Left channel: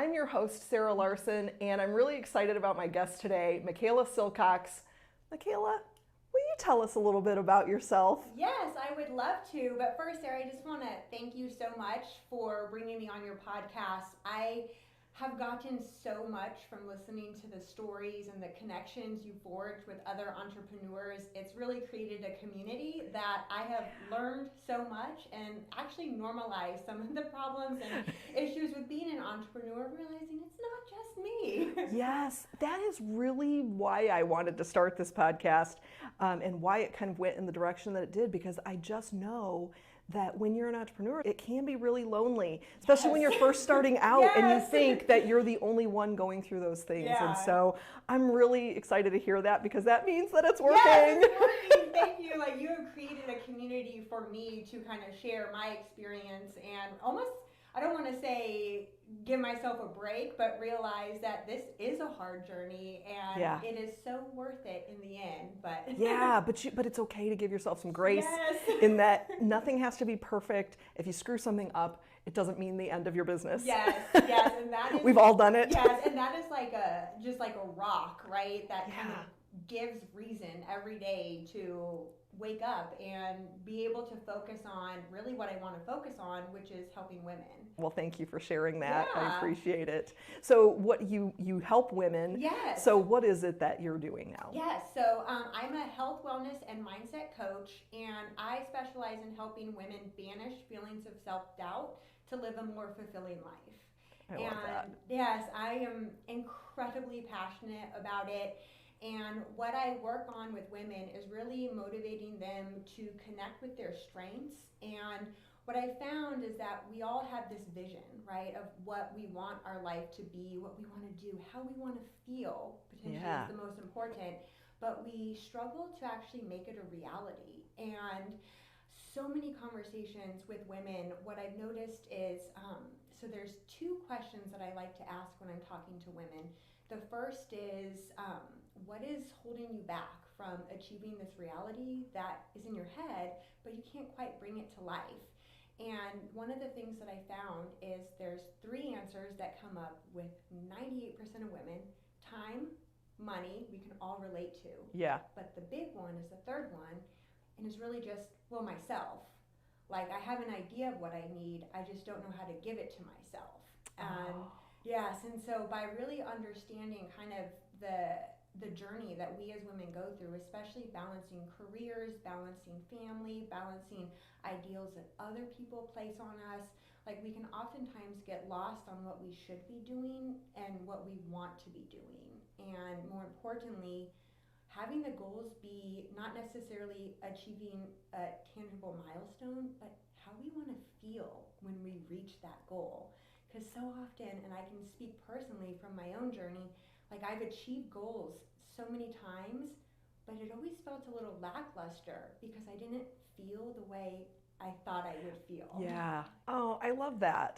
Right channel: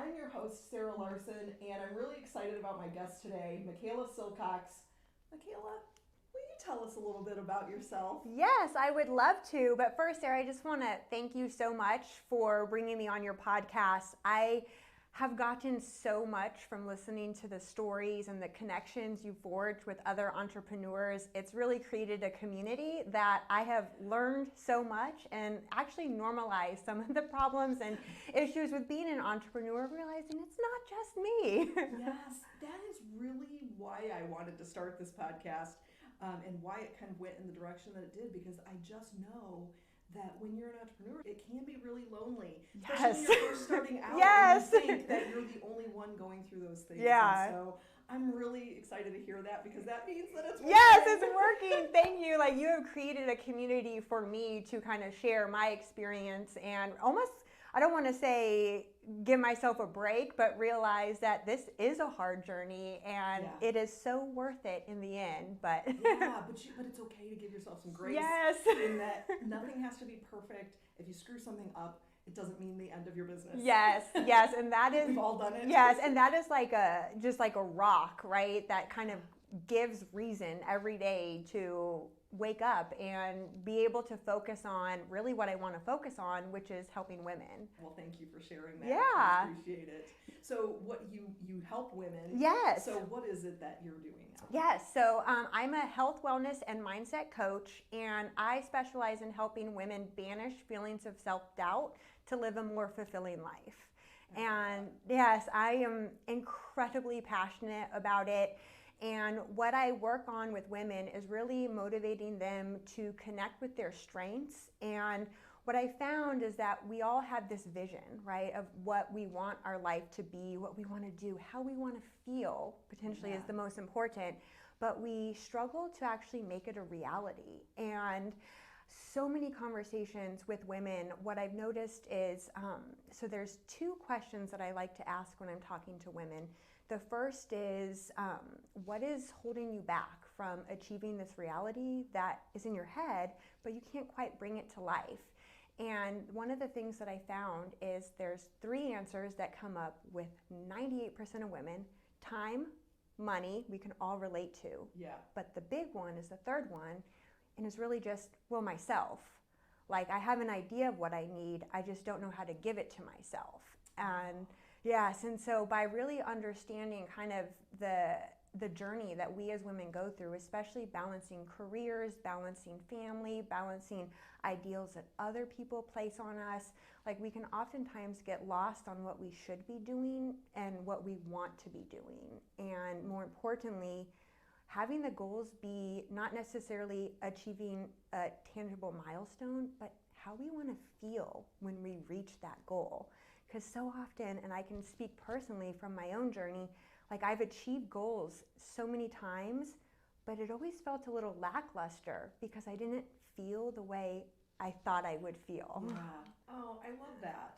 I'm your host, Sarah Larsen, and I'm really excited about my guest today, Mikaela Silcox. Mikaela, will you tell us a little bit about yourself? Yes, I would love to. But first, Sarah, I just want to thank you so much for bringing me on your podcast. I have gotten so much from listening to the stories and the connections you forged with other entrepreneurs. It's really created a community that I have learned so much and actually normalized some of the problems and issues with being an entrepreneur, realizing it's not just me. Yes, that is really why I wanted to start this podcast and why it kind of went in the direction that it did, because I just know that when you're an entrepreneur, it can be really lonely, especially when you're first starting out and you think that you're the only one going through those things. And so I'm really excited to hear that, because that means that it's working. Yes, it's working. Thank you. Like, you have created a community for me to kind of share my experience and almost, I don't want to say give myself a break, but realize that this is a hard journey and it is so worth it in the end. But but it's okay to give yourself some grace in that nothing has to be perfect. If you screw something up, it doesn't mean the end of your business. Yes, and that is we've all done it. Yes, and that is like just like a rock, right? That kind of gives reason every day to wake up and be able to focus on really what I want to focus on, which is helping women. Well, thank you for sharing that. I appreciate it. So what you help women. Yes. So what is it that you're doing now? Yes. So I'm a health, wellness, and mindset coach, and I specialize in helping women banish feelings of self-doubt to live a more fulfilling life. And yes, I am incredibly passionate about it. And what I work on with women is really motivating them to connect with their strengths. And what I found is that we all have this vision, right, of what we want our life to be, what we want to do, how we want to feel, potentially is the most important. But we struggle to actually make it a reality. And so many conversations with women, what I've noticed is, so there's two questions that I like to ask when I'm talking to women. The first is, what is holding you back from achieving this reality that is in your head, but you can't quite bring it to life? And one of the things that I found is there's three answers that come up with 98% of women: time, money, we can all relate to. Yeah. But the big one is the third one, and is really just, well, myself. Like, I have an idea of what I need, I just don't know how to give it to myself. And yes, and so by really understanding kind of the journey that we as women go through, especially balancing careers, balancing family, balancing ideals that other people place on us, like, we can oftentimes get lost on what we should be doing and what we want to be doing. And more importantly, having the goals be not necessarily achieving a tangible milestone, but how we want to feel when we reach that goal. Because so often, and I can speak personally from my own journey, like, I've achieved goals so many times, but it always felt a little lackluster because I didn't feel the way I thought I would feel. Yeah. Oh, I love that.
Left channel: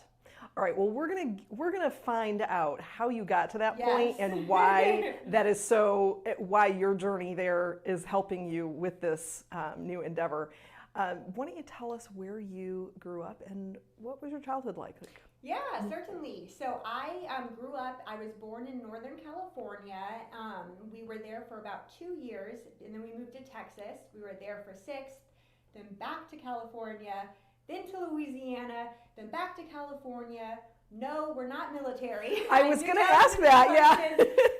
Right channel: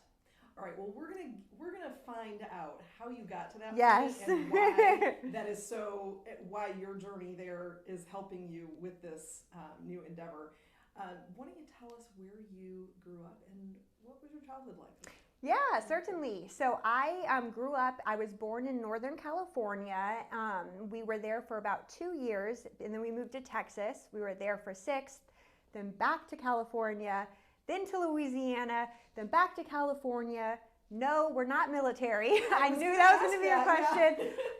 All right. Well, we're gonna find out how you got to that point and why that is so. Why your journey there is helping you with this new endeavor. Why don't you tell us where you grew up and what was your childhood like? Yeah, certainly. So I grew up, I was born in Northern California. We were there for about 2 years, and then we moved to Texas. We were there for 6, then back to California, then to Louisiana, then back to California. No, we're not military. I was going to ask that,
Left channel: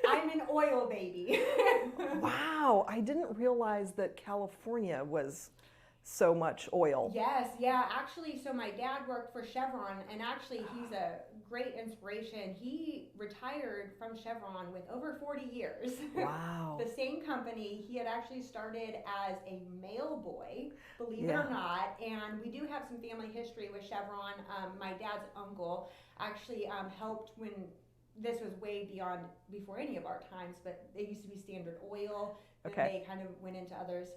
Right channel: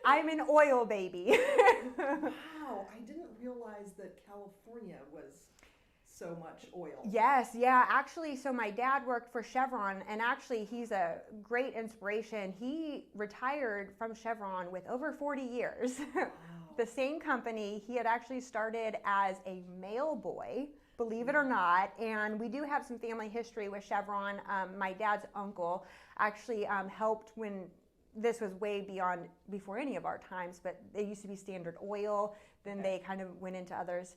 I'm an oil baby. Wow, I didn't realize that California was so much oil. Yes, yeah. Actually, so my dad worked for Chevron, and actually he's a great inspiration. He retired from Chevron with over 40 years. Wow. The same company. He had actually started as a mail boy, believe it or not, and we do have some family history with Chevron. My dad's uncle actually helped when this was way before any of our times, but they used to be Standard Oil, then they kind of went into others.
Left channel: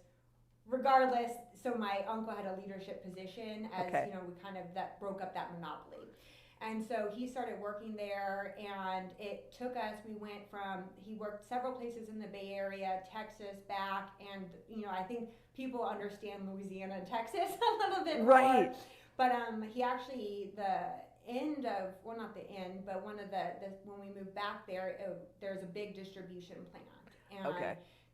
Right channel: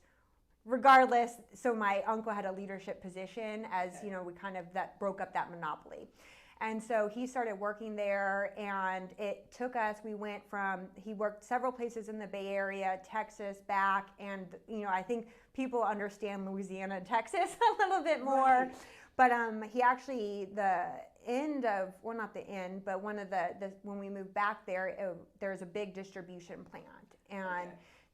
Regardless, so my uncle had a leadership position as, you know, we kind of broke up that monopoly. And so he started working there, and it took us, he worked several places in the Bay Area, Texas, back, and, you know, I think people understand Louisiana and Texas a little bit more. Right. But he actually, end of, well, not the end, but one of the when we moved back there, there's a big distribution plant. And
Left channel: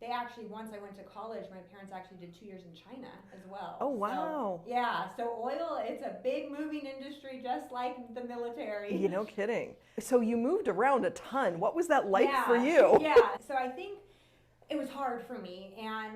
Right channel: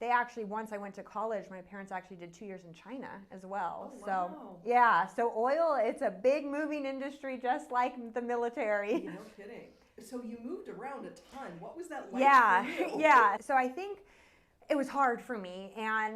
they actually, once I went to college, my parents actually did 2 years in China as well. Oh, wow. So, yeah, so oil, it's a big moving industry, just like the military. You no kidding. So you moved around a ton. What was that like for you? Yeah, so I think it was hard for me, and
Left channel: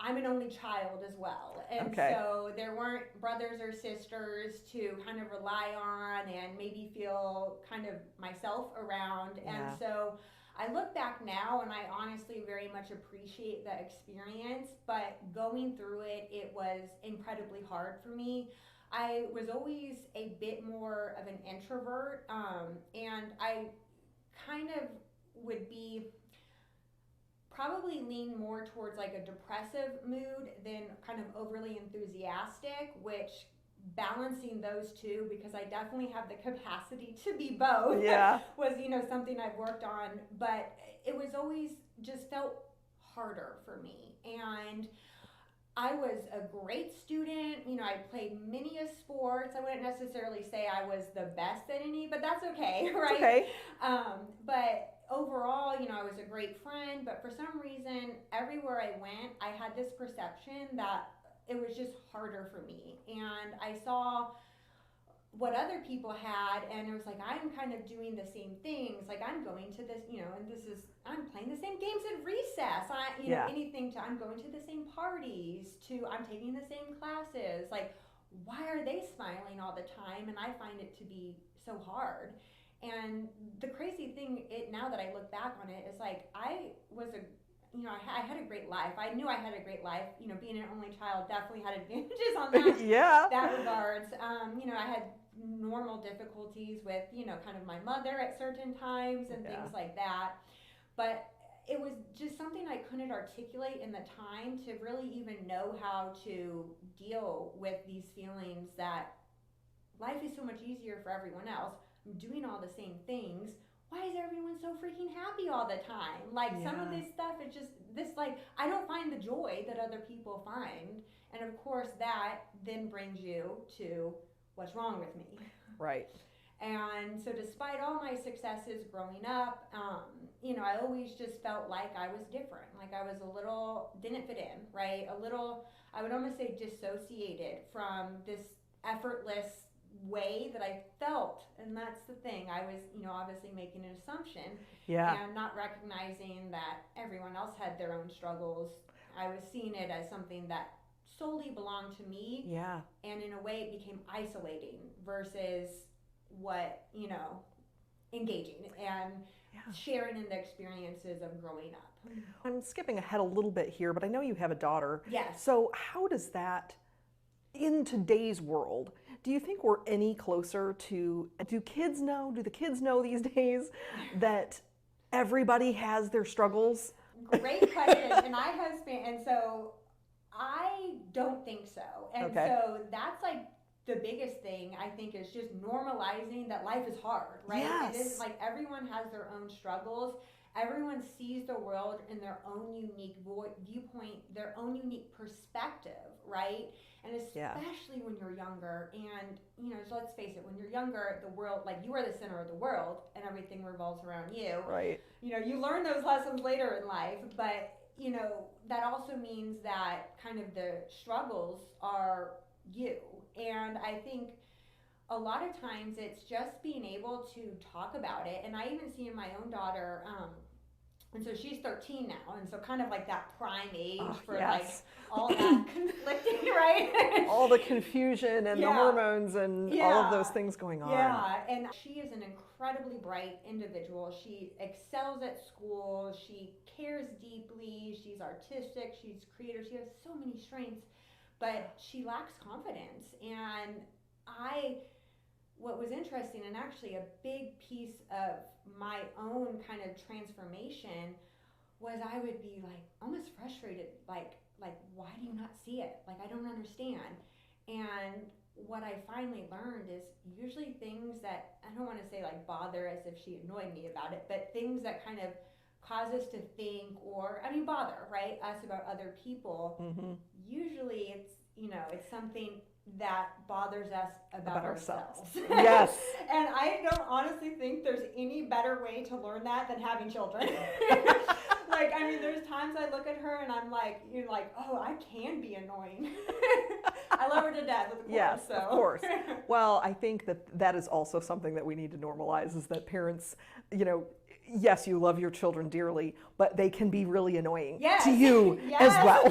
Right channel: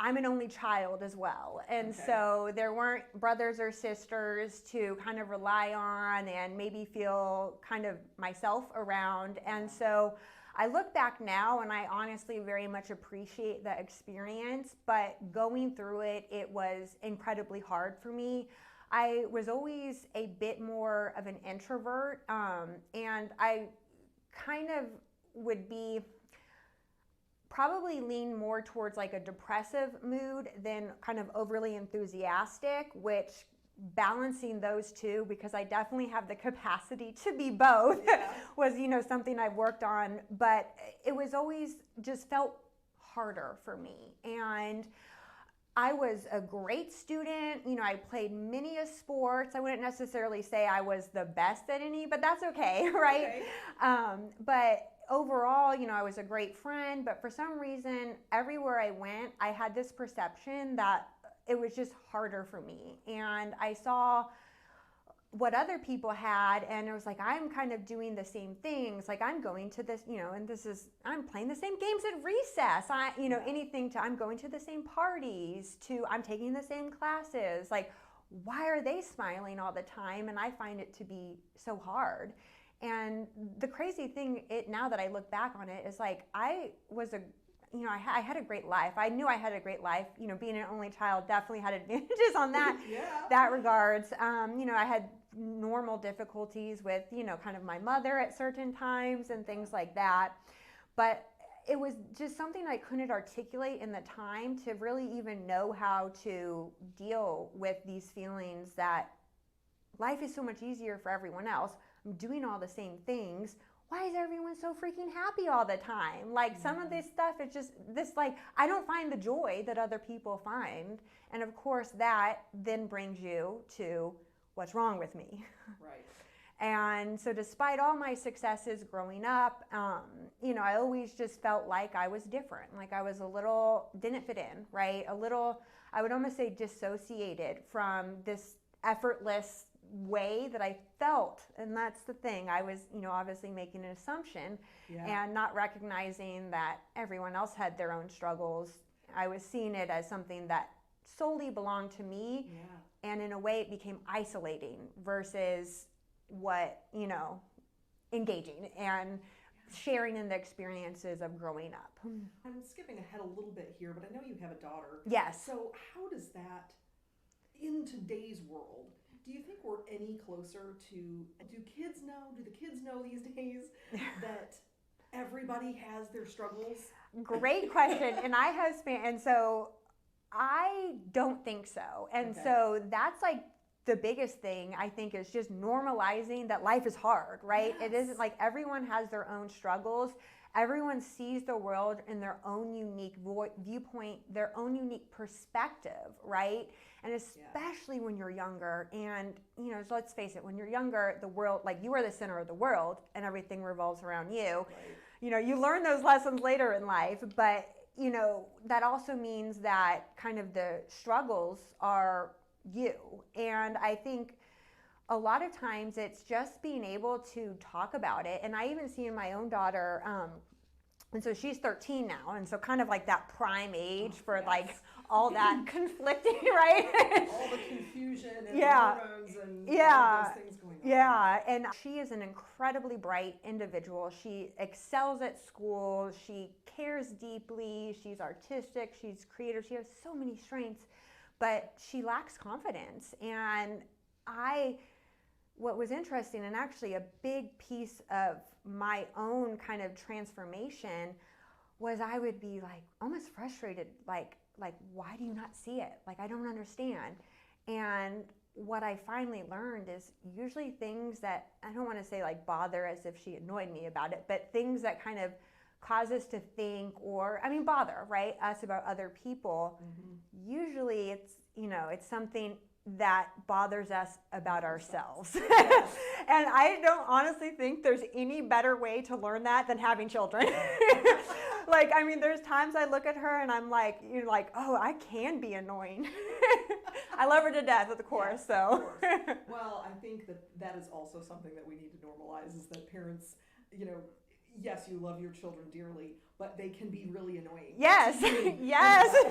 I'm an only child as well. And so there weren't brothers or sisters to kind of rely on and maybe feel kind of myself around. And so I look back now and I honestly very much appreciate the experience, but going through it, it was incredibly hard for me. I was always a bit more of an introvert, and I kind of would be probably lean more towards like a depressive mood than kind of overly enthusiastic, which balancing those two, because I definitely have the capacity to be both, was, something I've worked on, but it was always just felt harder for me. And I was a great student. I played many sports. I wouldn't necessarily say I was the best at any, but that's okay, right? Okay. But overall, I was a great friend, but for some reason, everywhere I went, I had this perception that it was just harder for me. And I saw what other people had, and it was like, I'm kind of doing the same things. Like, I'm going to this, and I'm playing the same games at recess. I'm going to the same parties, I'm taking the same classes. Like, why are they smiling all the time? And I find it to be so hard. And the crazy thing, now that I look back on it, is like, I had a great life. I knew I had a great life. Being an only child definitely had advantages on that. That regards. I had normal difficulties with, kind of my mother at certain times and things like that. But it was just something I couldn't articulate in the time to really even know how to deal with these feelings that life is so much easier for everyone else. I'm doing all the same things. Why is everyone so freaking happy all the time? Like, some of this stuff is just this, like, I don't find the joy that other people find. And of course, that then brings you to what's wrong with me. Right. And so despite all my successes growing up, I always just felt like I was different. Like, I was a little, didn't fit in, right? A little, I would almost say dissociated from this effortless way that I felt. And that's the thing. I was, obviously making an assumption and not recognizing that everyone else had their own struggles. I was seeing it as something that solely belonged to me. And in a way it became isolating versus what, engaging and sharing in the experiences of growing up. I'm skipping ahead a little bit here, but I know you have a daughter. Yes. So how does that, in today's world, do you think we're any closer to, do the kids know these days that everybody has their struggles? Great question. And so I don't think so. And so that's like the biggest thing, I think, is just normalizing that life is hard, right? It isn't like everyone has their own struggles. Everyone sees the world in their own unique viewpoint, their own unique perspective, right? And especially when you're younger, and so let's face it, when you're younger, the world, like, you are the center of the world and everything revolves around you. Right. You learn those lessons later in life, but that also means that kind of the struggles are you. And I think a lot of times it's just being able to talk about it. And I even see in my own daughter, and so she's 13 now, and so kind of like that prime age for like all that conflicting, right? All the confusion and the hormones and all of those things going on. Yeah, and she is an incredibly bright individual. She excels at school. She cares deeply. She's artistic. She's creative. She has so many strengths, but she lacks confidence. And what was interesting, and actually a big piece of my own kind of transformation, was I would be like almost frustrated, like why do you not see it? Like, I don't understand. And what I finally learned is usually things that, I don't want to say like bother as if she annoyed me about it, but things that kind of cause us to think, or bother, right, us about other people. Usually it's it's something that bothers us about ourselves. Yes. And I don't honestly think there's any better way to learn that than having children. Like, I mean, there's times I look at her and I'm like, oh, I can be annoying. I love her to death, of course. Yes, so. of course. Well, I think that is also something that we need to normalize, is that parents, yes, you love your children dearly, but they can be really annoying to you as well.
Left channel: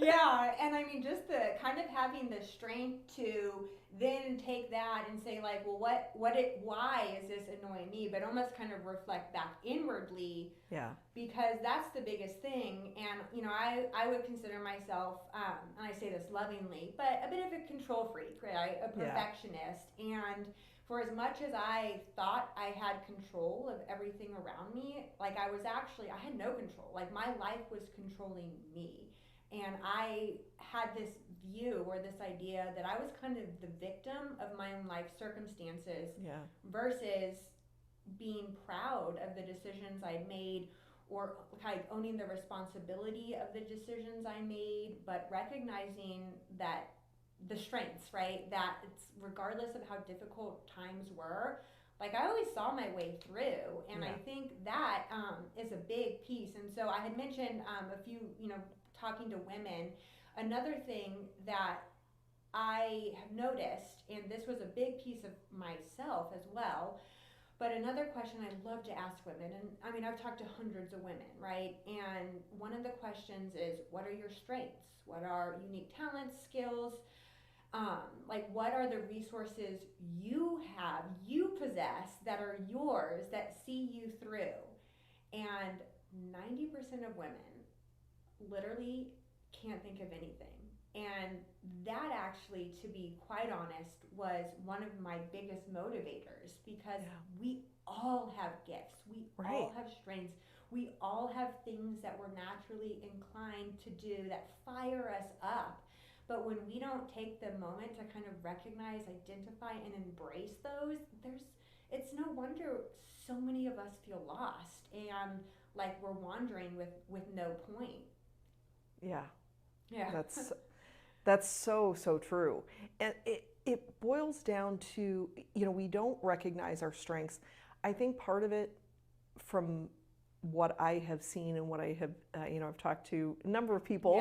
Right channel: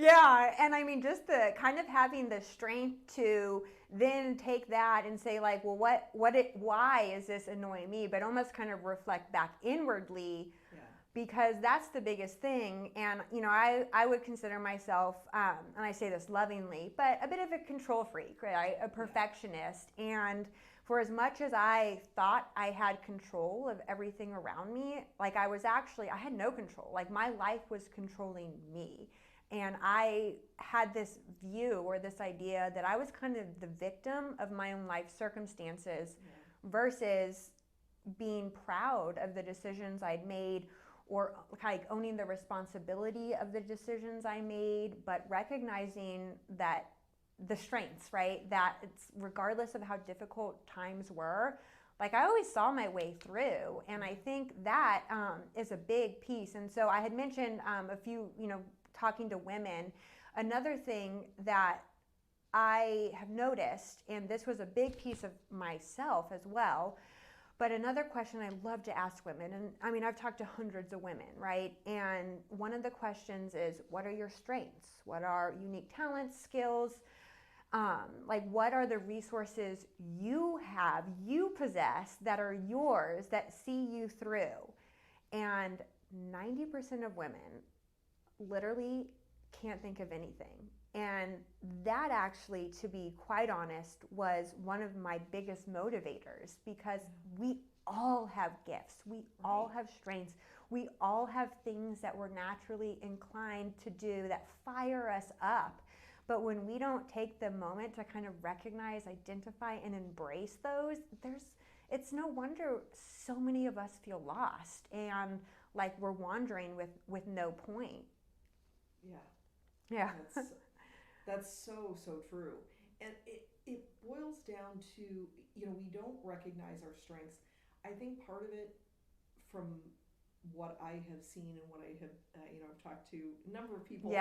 Yeah. And I mean, just the kind of having the strength to then take that and say, like, well, why is this annoying me? But almost kind of reflect back inwardly. Yeah. Because that's the biggest thing. And, I would consider myself, and I say this lovingly, but a bit of a control freak, right? A perfectionist. Yeah. And for as much as I thought I had control of everything around me, like I had no control. Like my life was controlling me. And I had this view or this idea that I was kind of the victim of my own life circumstances versus being proud of the decisions I'd made, or like owning the responsibility of the decisions I made, but recognizing that the strengths, right? That it's regardless of how difficult times were, like I always saw my way through. And I think that is a big piece. And so I had mentioned a few, talking to women, another thing that I have noticed, and this was a big piece of myself as well, but another question I love to ask women, and I mean, I've talked to hundreds of women, right? And one of the questions is, what are your strengths? What are unique talents, skills? Like, what are the resources you have, you possess, that are yours, that see you through? And 90% of women literally can't think of anything. And that actually, to be quite honest, was one of my biggest motivators, because we all have gifts. We all have strengths. We all have things that we're naturally inclined to do that fire us up. But when we don't take the moment to kind of recognize, identify, and embrace those, it's no wonder so many of us feel lost and like we're wandering with no point. Yeah. That's so true. And it boils down to, we don't recognize our strengths. I think part of it, from what I have seen and what I have, I've talked to a number of people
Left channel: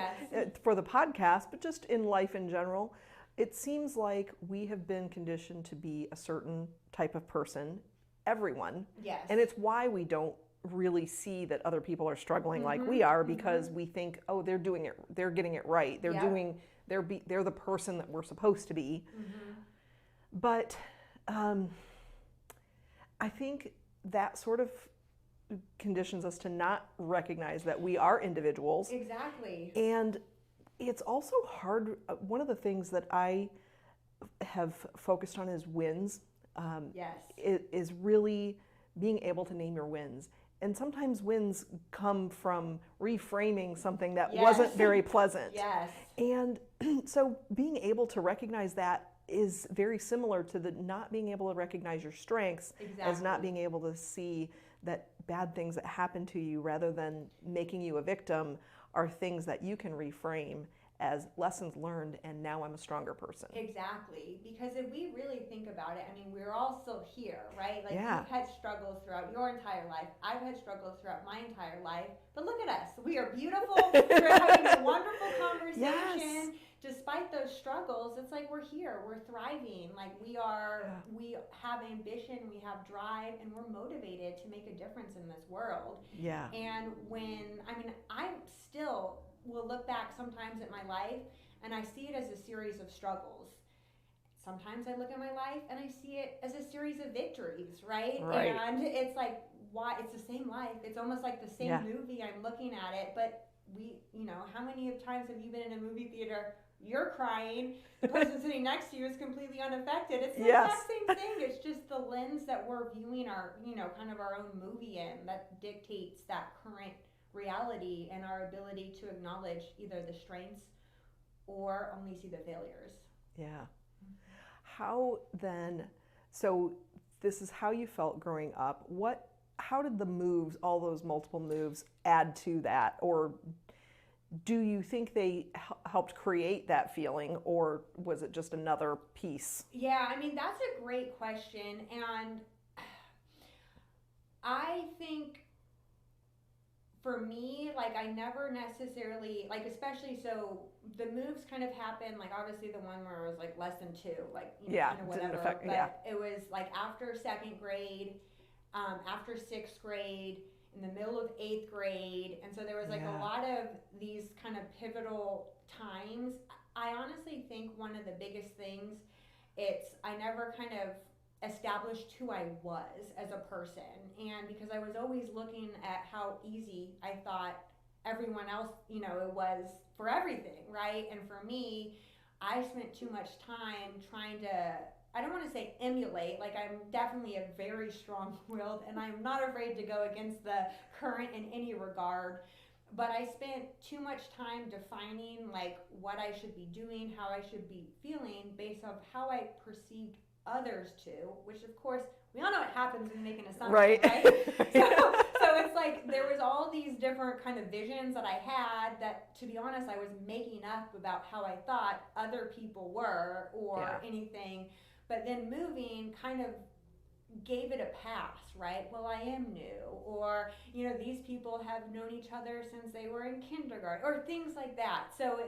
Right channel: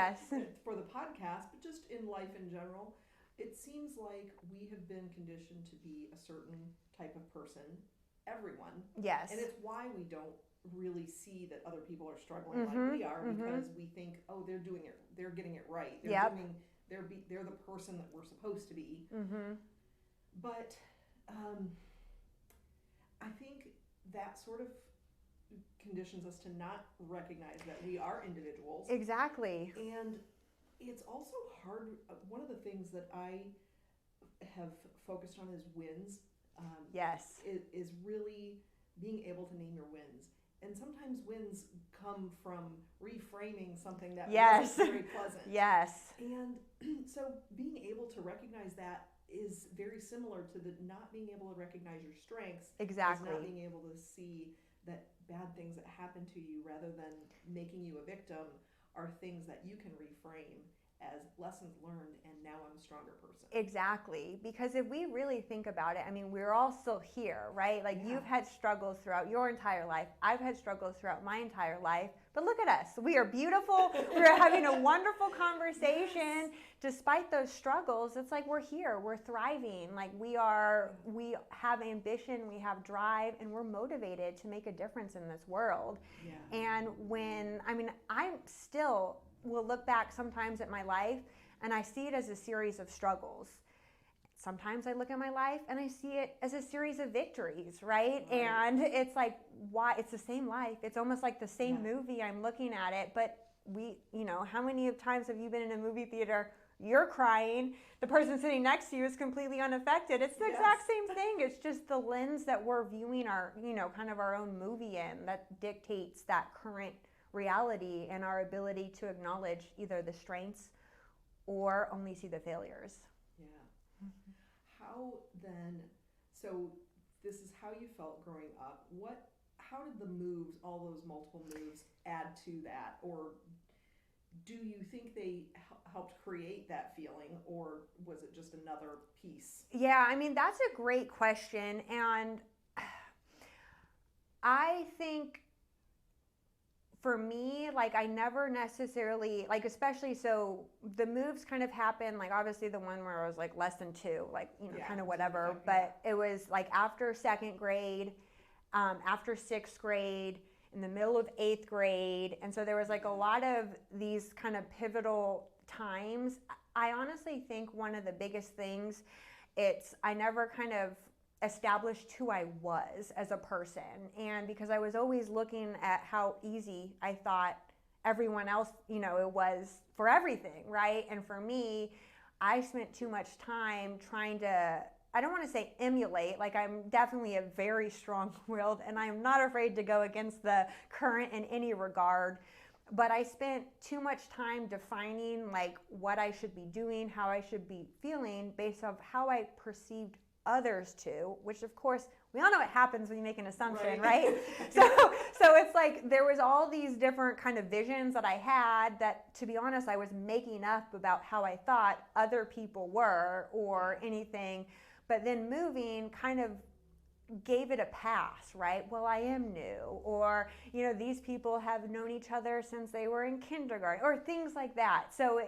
for the podcast, but just in life in general, it seems like we have been conditioned to be a certain type of person, everyone. Yes. And it's why we don't really see that other people are struggling like we are, because we think, oh, they're doing it, they're getting it right, they're the person that we're supposed to be. But I think that sort of conditions us to not recognize that we are individuals. Exactly. And it's also hard. One of the things that I have focused on is wins. Is really being able to name your wins. And sometimes wins come from reframing something that wasn't very pleasant. Yes. And so being able to recognize that is very similar to the not being able to recognize your strengths as not being able to see that bad things that happen to you, rather than making you a victim, are things that you can reframe as lessons learned, and now I'm a stronger person. Exactly. Because if we really think about it, I mean, we're all still here, right? Like you've had struggles throughout your entire life. I've had struggles throughout my entire life. But look at us. We are beautiful. We're having a wonderful conversation. Despite those struggles, it's like we're here. We're thriving. Like we have ambition, we have drive, and we're motivated to make a difference in this world. Yeah. And I still will look back sometimes at my life and I see it as a series of struggles. Sometimes I look at my life and I see it as a series of victories, right? And it's like, why? It's the same life. It's almost like the same movie. I'm looking at it, but how many times have you been in a movie theater? You're crying. The person sitting next to you is completely unaffected. It's the exact same thing. It's just the lens that we're viewing our, kind of our own movie in that dictates that current reality and our ability to acknowledge either the strengths or only see the failures. Yeah. How then, so this is how you felt growing up. How did the moves, all those multiple moves, add to that? Or do you think they helped create that feeling, or was it just another piece? Yeah, I mean, that's a great question. And I think for me, like, I never necessarily, like, especially, so the moves kind of happened, like, obviously the one where I was like less than 2, like, kind of whatever. But it was like after 2nd grade, after 6th grade, in the middle of 8th grade. And so there was like a lot of these kind of pivotal times. I honestly think one of the biggest things, I never kind of established who I was as a person. And because I was always looking at how easy I thought everyone else, it was for everything, right? And for me, I spent too much time trying to, I don't want to say emulate, like I'm definitely a very strong-willed and I'm not afraid to go against the current in any regard, but I spent too much time defining like what I should be doing, how I should be feeling based off how I perceived others to, which of course we all know what happens when you make an assumption, right? So it's like there was all these different kind of visions that I had that, to be honest, I was making up about how I thought other people were or anything. But then moving kind of gave it a pass, right? Well, I am new, or these people have known each other since they were in kindergarten, or things like that. So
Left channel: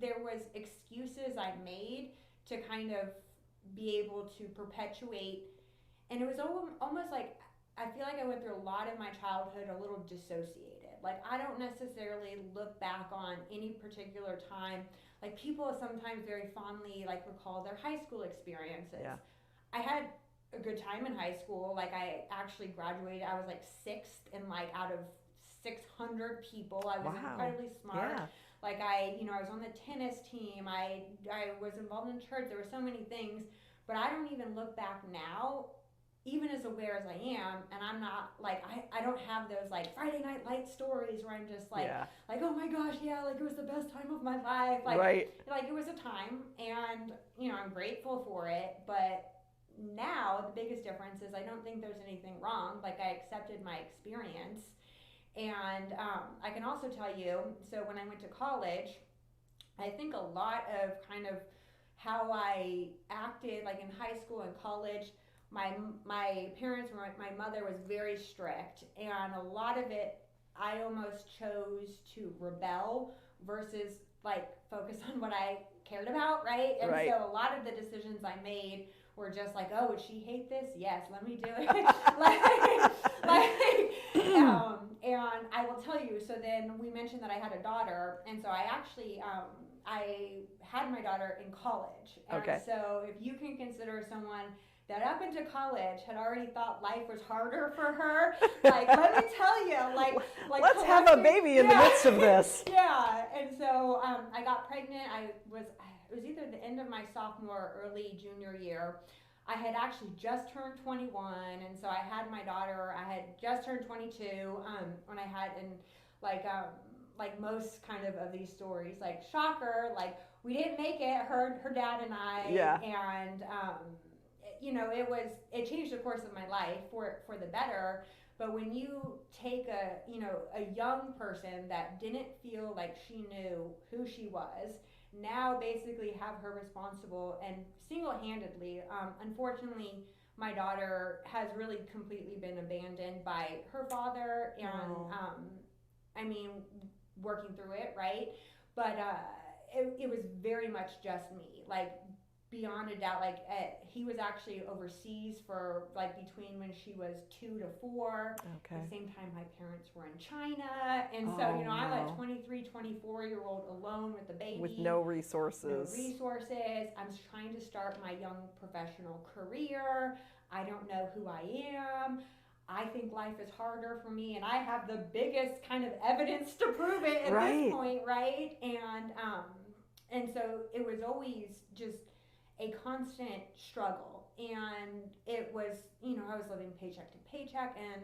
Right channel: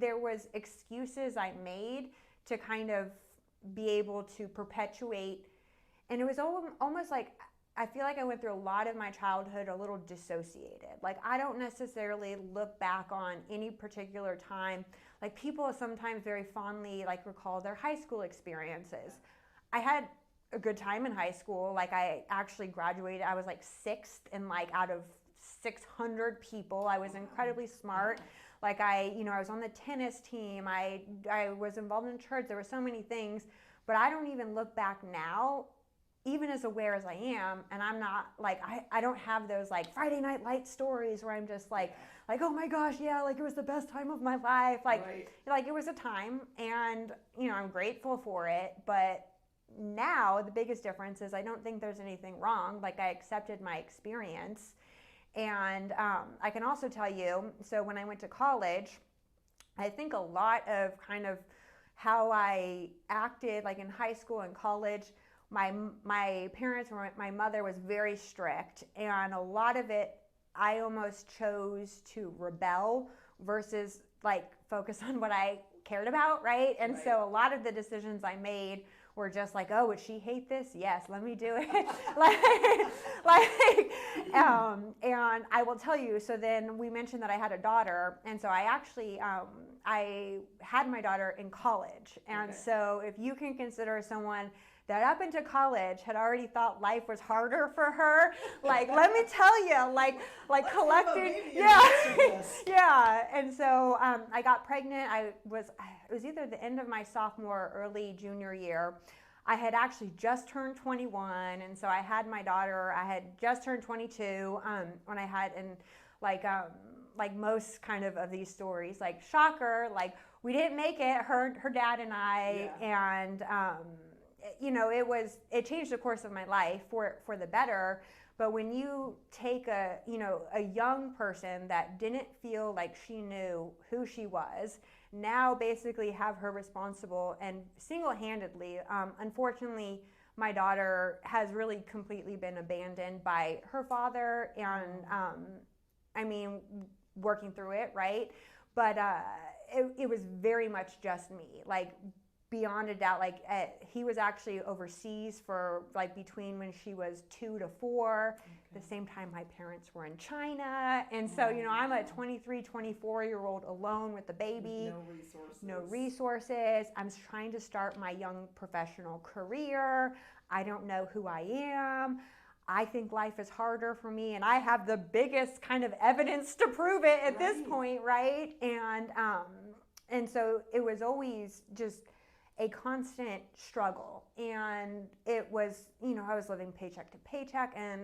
there was excuses I made to kind of be able to perpetuate, and it was almost like I feel like I went through a lot of my childhood a little dissociated. Like I don't necessarily look back on any particular time. Like people sometimes very fondly like recall their high school experiences. Yeah. I had a good time in high school. Like I actually graduated. I was like 6th in like out of 600 people. I was incredibly smart. Yeah. Like I was on the tennis team. I was involved in church. There were so many things, but I don't even look back now, even as aware as I am, and I'm not like I don't have those like Friday Night Light stories where I'm just like oh my gosh, like it was the best time of my life. Like like it was a time, and I'm grateful for it. But now the biggest difference is I don't think there's anything wrong. Like I accepted my experience. And I can also tell you, so when I went to college, I think a lot of kind of how I acted like in high school and college, my parents were, my mother was very strict, and a lot of it I almost chose to rebel versus like focus on what I cared about, right? And so a lot of the decisions I made were just like, oh, would she hate this? Yes, let me do it. And I will tell you, so then we mentioned that I had a daughter, and so I actually, I had my daughter in college. And so if you can consider someone that up into college had already thought life was harder for her, like, let me tell you, like let's have a baby in the midst of this. And so I got pregnant. It was either the end of my sophomore or early junior year. I had actually just turned 21, and so I had my daughter. I had just turned 22 when I had, and like most kind of these stories, like shocker, like we didn't make it. Her dad and I, and it changed the course of my life for the better. But when you take a young person that didn't feel like she knew who she was, now basically have her responsible and single-handedly, unfortunately, my daughter has really completely been abandoned by her father, and I mean, working through it, right? But it was very much just me, like beyond a doubt. Like he was actually overseas for like between when she was 2 to 4. At the same time my parents were in China, and so I'm a 23, 24-year-old alone with the baby with no resources. I'm trying to start my young professional career. I don't know who I am. I think life is harder for me, and I have the biggest kind of evidence to prove it at this point, right? And so it was always just a constant struggle, and it was, I was living paycheck to paycheck, and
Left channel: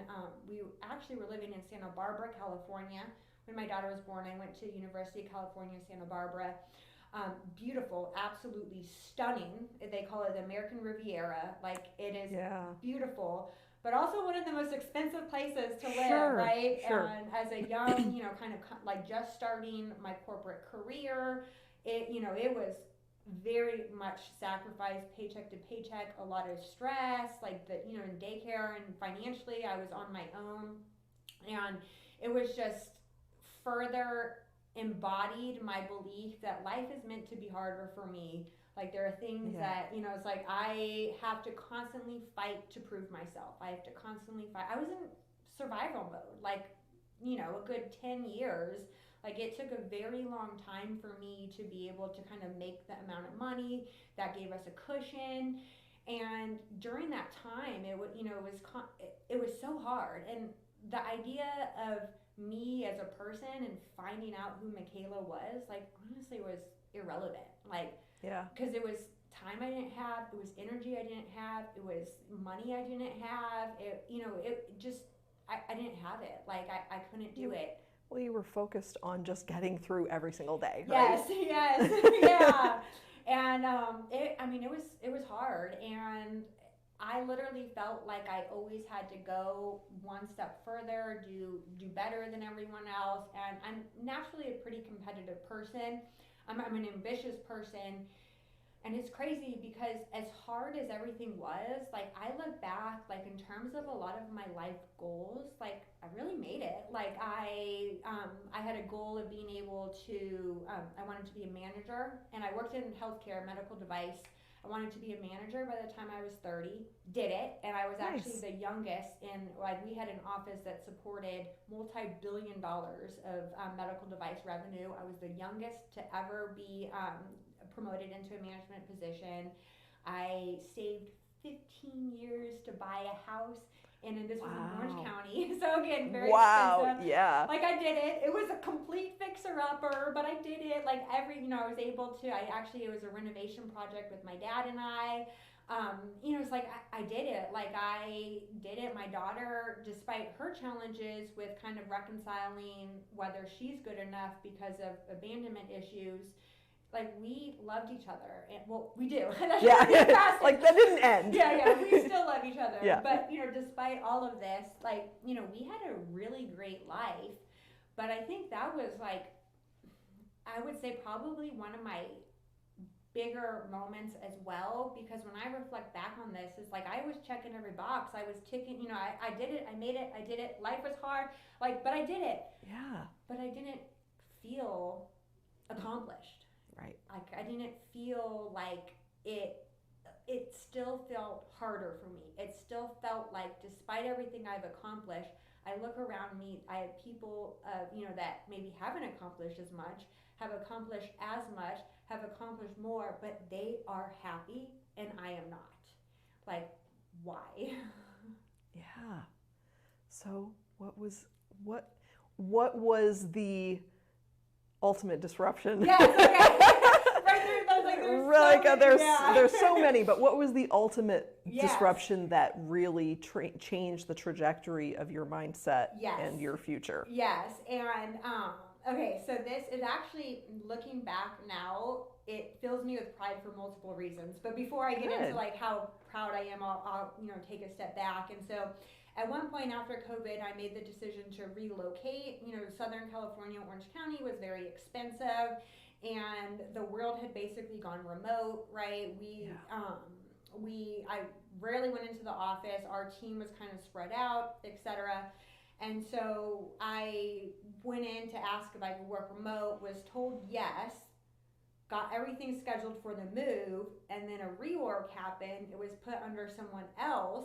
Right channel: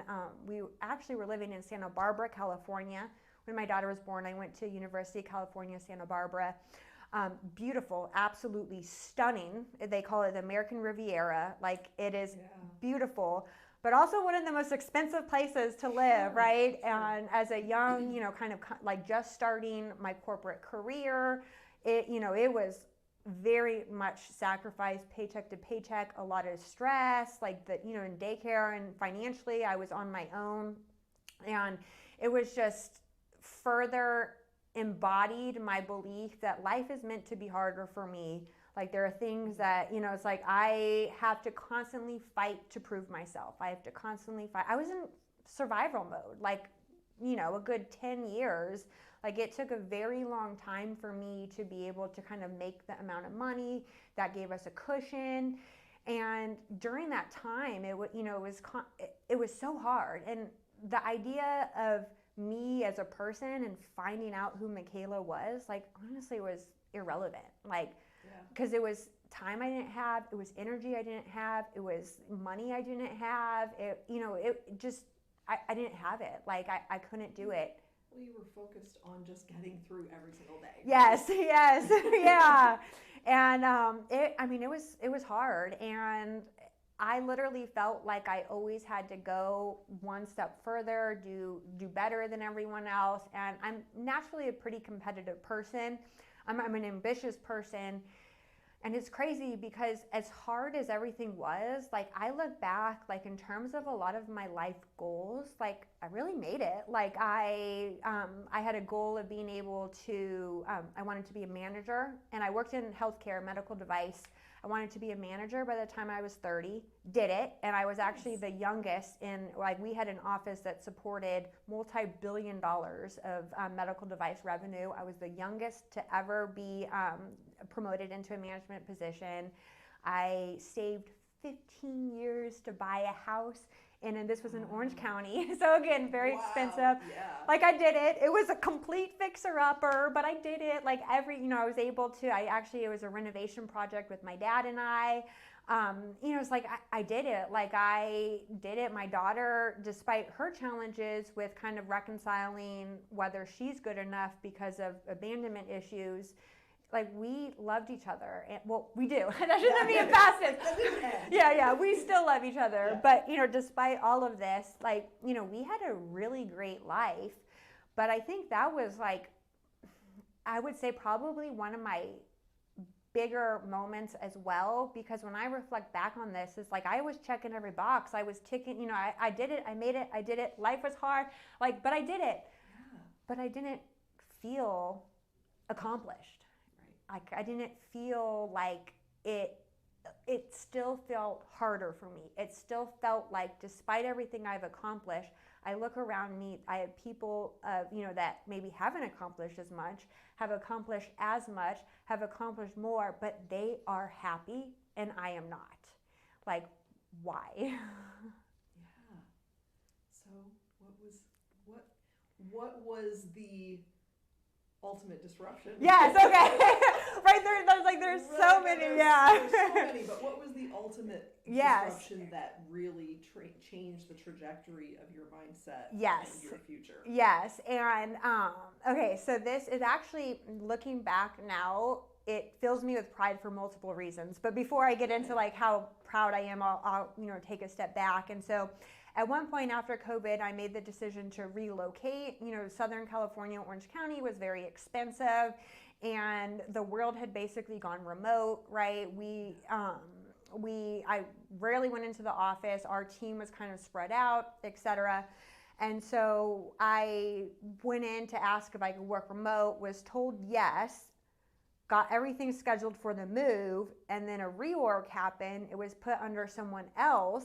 we actually were living in Santa Barbara, California. When my daughter was born, I went to University of California, Santa Barbara. Beautiful, absolutely stunning. They call it the American Riviera. Like it is beautiful. but also one of the most expensive places to live, Sure, right? sure. And as a young, kind of like just starting my corporate career, it was very much sacrifice, paycheck to paycheck, a lot of stress, like in daycare, and financially I was on my own. And it was just further embodied my belief that life is meant to be harder for me. Like there are things that, it's like I have to constantly fight to prove myself. I have to constantly fight. I was in survival mode, like, a good 10 years. Like it took a very long time for me to be able to kind of make the amount of money that gave us a cushion. And during that time, it was so hard. And the idea of me as a person and finding out who Mikaela was, like honestly was irrelevant. Like, because it was time I didn't have, it was energy I didn't have, it was money I didn't have. I didn't have it. Like I couldn't do it. Well, you were focused on just getting through every single day. Right? Yes, yeah. And it was hard, and I literally felt like I always had to go one step further, do better than everyone else. And I'm naturally a pretty competitive person. I'm an ambitious person. And it's crazy because as hard as everything was, like I look back, like in terms of a lot of my life goals, like I really made it. Like I had a goal of being able to, I wanted to be a manager, and I worked in healthcare, medical device. I wanted to be a manager by the time I was 30, did it. And I was actually the youngest we had an office that supported multi-billion dollars of medical device revenue. I was the youngest to ever be promoted into a management position. I saved 15 years to buy a house, and this was in Orange County. So again, very expensive. Yeah. Like I did it. It was a complete fixer-upper, but I did it. Like I was able to. It was a renovation project with my dad and I. It's like I did it. Like I did it. My daughter, despite her challenges with kind of reconciling whether she's good enough because of abandonment issues, like we loved each other, and we do. Like that didn't end. Yeah, we still love each other. Yeah. But despite all of this, like we had a really great life. But I think that was like, I would say probably one of my bigger moments as well, because when I reflect back on this, it's like I was checking every box. I was ticking. I did it. I made it. I did it. Life was hard. Like, but I did it. Yeah. But I didn't feel accomplished. Right. Like I didn't feel like it still felt harder for me. It still felt like despite everything I've accomplished, I look around me, I have people that maybe haven't accomplished as much, have accomplished as much, have accomplished more, but they are happy and I am not. Like, why? Yeah. So what was the ultimate disruption? Yes, okay. There's so many, but what was the ultimate disruption that really changed the trajectory of your mindset and your future? Yes, and okay, so this is actually, looking back now, it fills me with pride for multiple reasons. But before I get into like how proud I am, I'll take a step back. And so at one point after COVID, I made the decision to relocate. Southern California, Orange County was very expensive, and the world had basically gone remote, right? I rarely went into the office. Our team was kind of spread out, etc. And so I went in to ask if I could work remote, was told yes, got everything scheduled for the move, and then a reorg happened. It was put under someone else,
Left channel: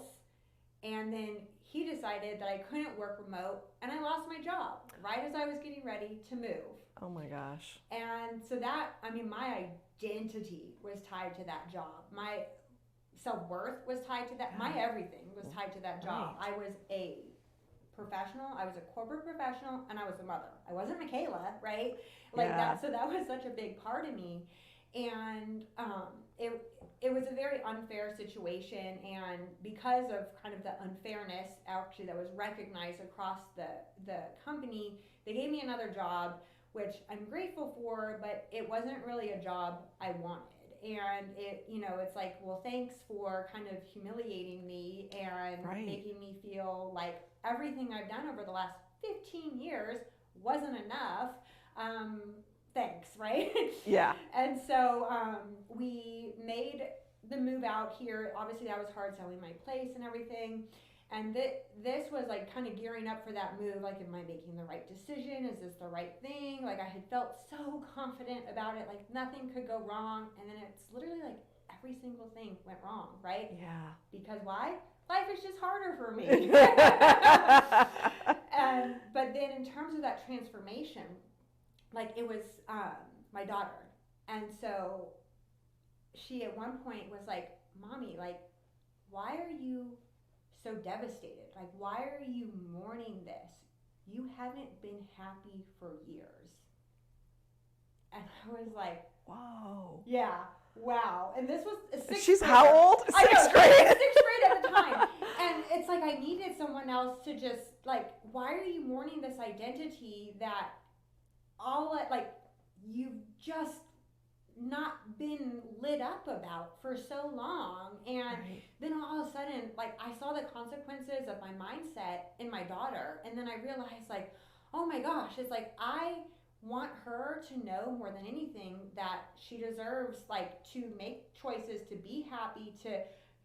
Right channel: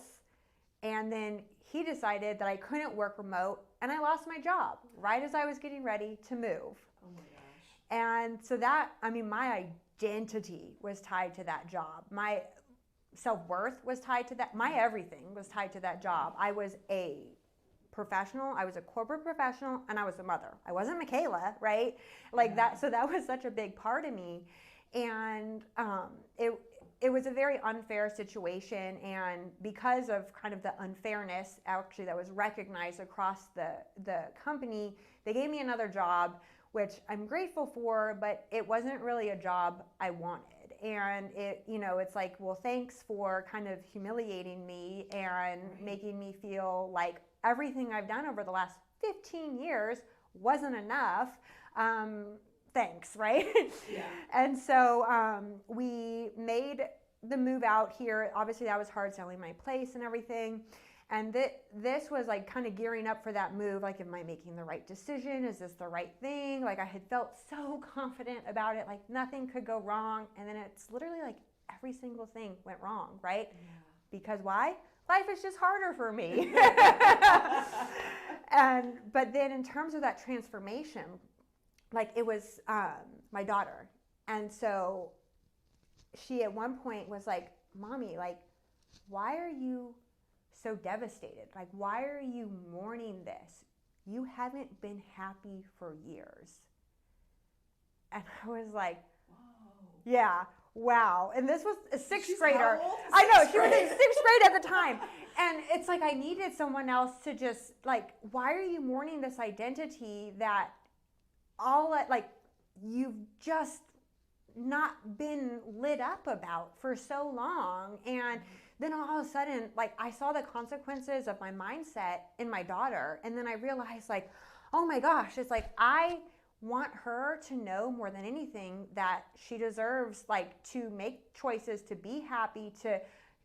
and then he decided that I couldn't work remote, and I lost my job right as I was getting ready to move. Oh my gosh. And so my identity was tied to that job. My self-worth was tied to that. My everything was tied to that job. I was a professional, I was a corporate professional, and I was a mother. I wasn't Mikaela, right? That. So that was such a big part of me. And it was a very unfair situation, and because of kind of the unfairness actually that was recognized across the company, they gave me another job, which I'm grateful for, but it wasn't really a job I wanted. and it, it's like, well, thanks for kind of humiliating me and making me feel like everything I've done over the last 15 years wasn't enough. Thanks, right? Yeah. And so we made the move out here. Obviously, that was hard, selling my place and everything. And this was like kind of gearing up for that move. Like, am I making the right decision? Is this the right thing? Like, I had felt so confident about it. Like, nothing could go wrong. And then it's literally like every single thing went wrong, right? Yeah. Because why? Life is just harder for me. But then in terms of that transformation, like, it was my daughter. And so she at one point was like, Mommy, like, why are you so devastated? Like, why are you mourning this? You haven't been happy for years. And I was like, whoa. Yeah, wow. And this was a sixth She's grader. how old? I know, Sixth grade. sixth grade at the time. And it's like I needed someone else to just, like, why are you mourning this identity that you've just not been lit up about for so long? And then all of a sudden, like, I saw the consequences of my mindset in my daughter. And then I realized, like, oh my gosh, it's like I want her to know more than anything that she deserves, like, to make choices, to be happy, to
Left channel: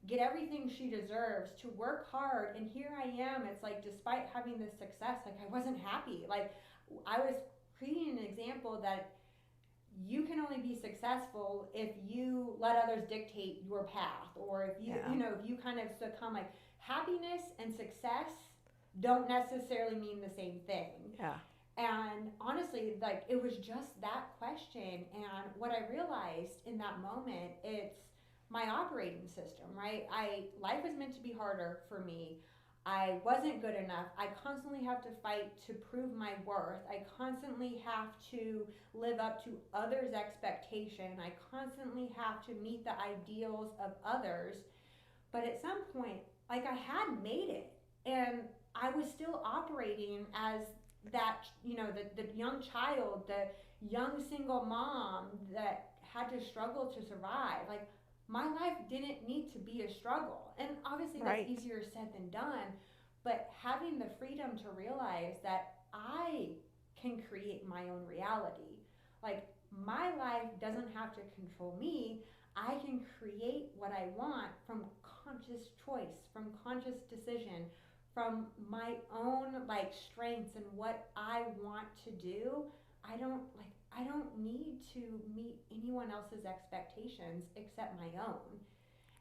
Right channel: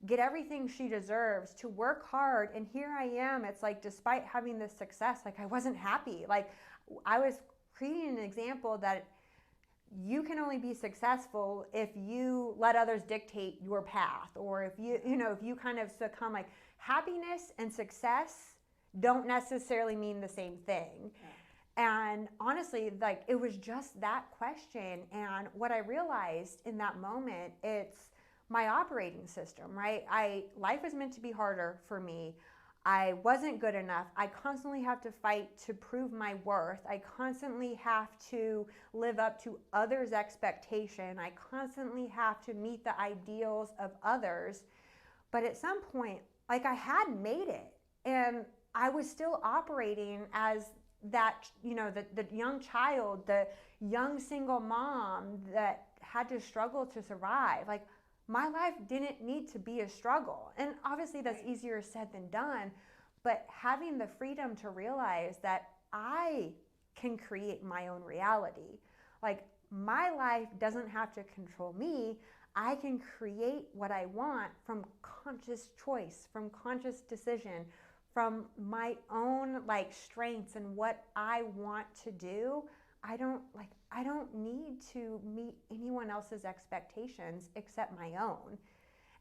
get everything she deserves, to work hard. And here I am. It's like, despite having this success, like, I wasn't happy. Like, I was creating an example that you can only be successful if you let others dictate your path, or if you, if you kind of succumb. Like, happiness and success don't necessarily mean the same thing. Yeah. And honestly, like, it was just that question. And what I realized in that moment, it's my operating system, right? Life is meant to be harder for me. I wasn't good enough. I constantly have to fight to prove my worth. I constantly have to live up to others' expectation. I constantly have to meet the ideals of others. But at some point, like, I had made it, and I was still operating as that, the young child, the young single mom that had to struggle to survive. Like, my life didn't need to be a struggle. And obviously that's easier said than done. But having the freedom to realize that I can create my own reality. Like, my life doesn't have to control me. I can create what I want from conscious choice, from conscious decision, from my own, like, strengths and what I want to do. I don't need to meet anyone else's expectations except my own.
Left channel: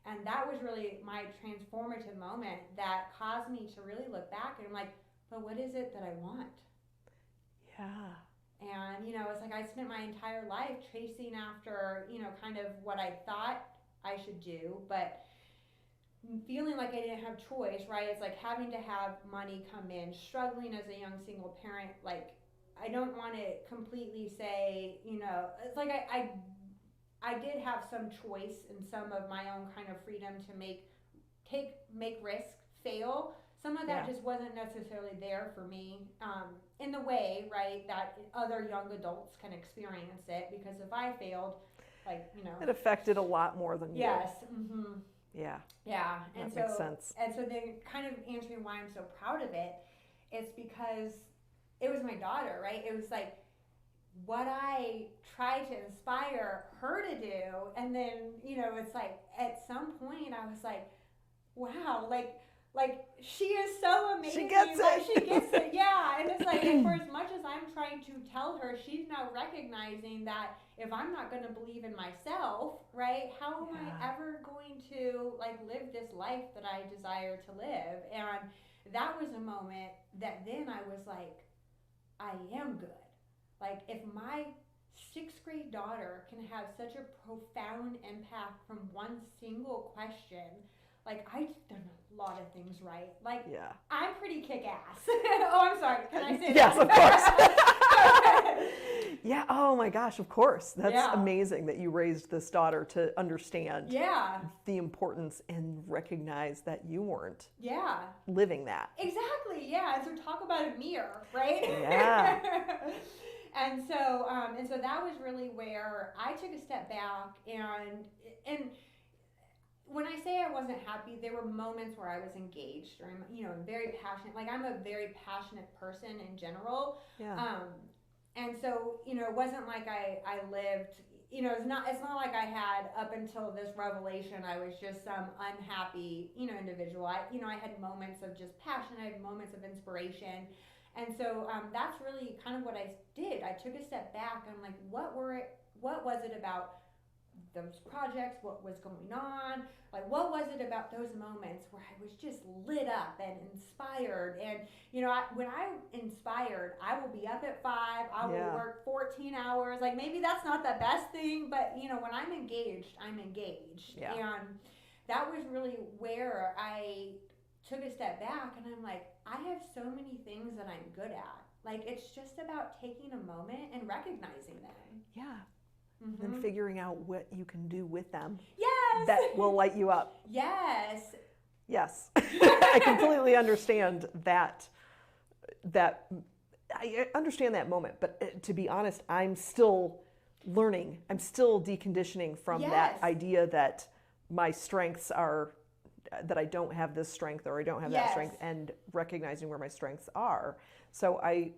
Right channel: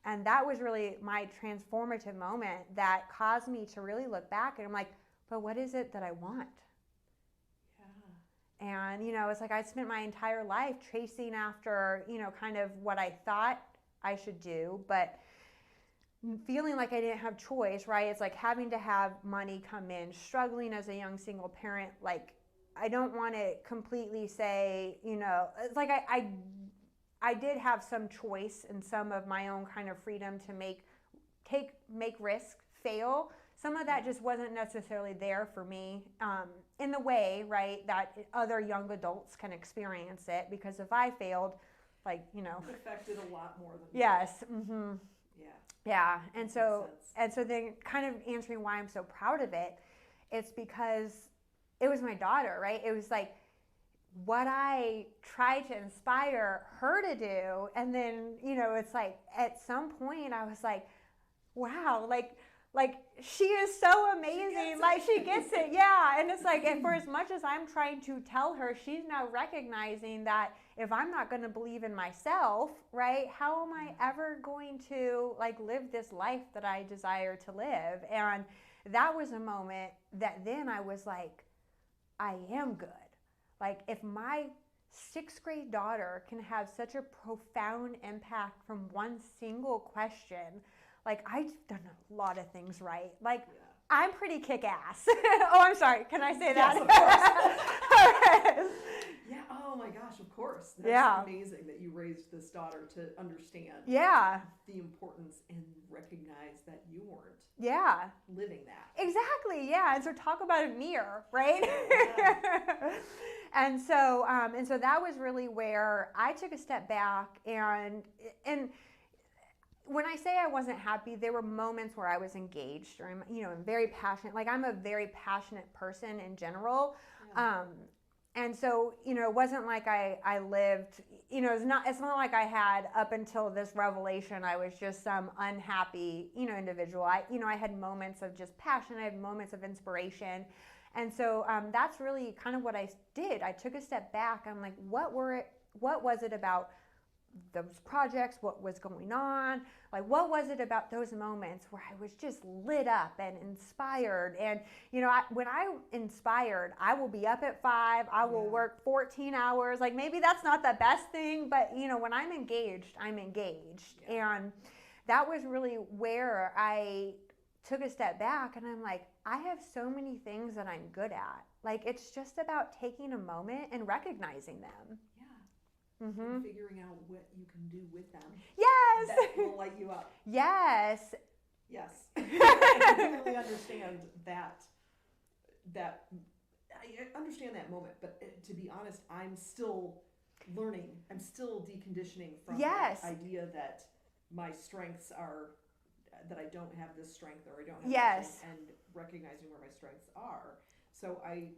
And that was really my transformative moment that caused me to really look back, and I'm like, but what is it that I want? Yeah. And, it's like I spent my entire life chasing after, kind of what I thought I should do, but feeling like I didn't have choice, right? It's like having to have money come in, struggling as a young single parent. Like, I don't want to completely say, it's like I did have some choice and some of my own kind of freedom to make risk, fail. Some of that just wasn't necessarily there for me in the way, right, that other young adults can experience it. Because if I failed, like, it affected a lot more than yes. you. Mm-hmm. Yeah. And that so makes sense. and so then kind of answering why I'm so proud of it, it's because it was my daughter, right? It was like what I tried to inspire her to do. And then, it's like at some point I was like, wow, like she is so amazing. She gets it. She gets it. Yeah. And it's like, and for as much as I'm trying to tell her, she's now recognizing that if I'm not going to believe in myself, right, how am I ever going to, like, live this life that I desire to live? And that was a moment that then I was like, I am good. Like, if my sixth grade daughter can have such a profound impact from one single question, like, I've done a lot of things right. Like, I'm pretty kick-ass. Oh, I'm sorry. Can I say that? Yes, of course. Yeah. Oh my gosh. Of course. That's amazing that you raised this daughter to understand the importance and recognize that you weren't living that. Exactly. Yeah. And so talk about a mirror, right? Yeah. And so that was really where I took a step back, and when I say I wasn't happy, there were moments where I was engaged, or I'm very passionate. Like, I'm a very passionate person in general. Yeah. And so, it wasn't like I lived, it's not like I had, up until this revelation, I was just some unhappy, individual. I had moments of just passion. I had moments of inspiration. And so that's really kind of what I did. I took a step back. I'm like, what was it about those projects? What was going on? Like, what was it about those moments where I was just lit up and inspired? And, when I'm inspired, I will be up at 5, I will work 14 hours. Like, maybe that's not the best thing, but, when I'm engaged, I'm engaged. Yeah. And that was really where I took a step back, and I'm like, I have so many things that I'm good at. Like, it's just about taking a moment and recognizing them. Yeah. Mm-hmm. And figuring out what you can do with them. Yes. That will light you up. Yes. Yes. I completely understand that. I understand that moment, but to be honest, I'm still learning. I'm still deconditioning from that idea that my strengths are, that I don't have this strength, or I don't have that strength, and recognizing where my strengths are. So I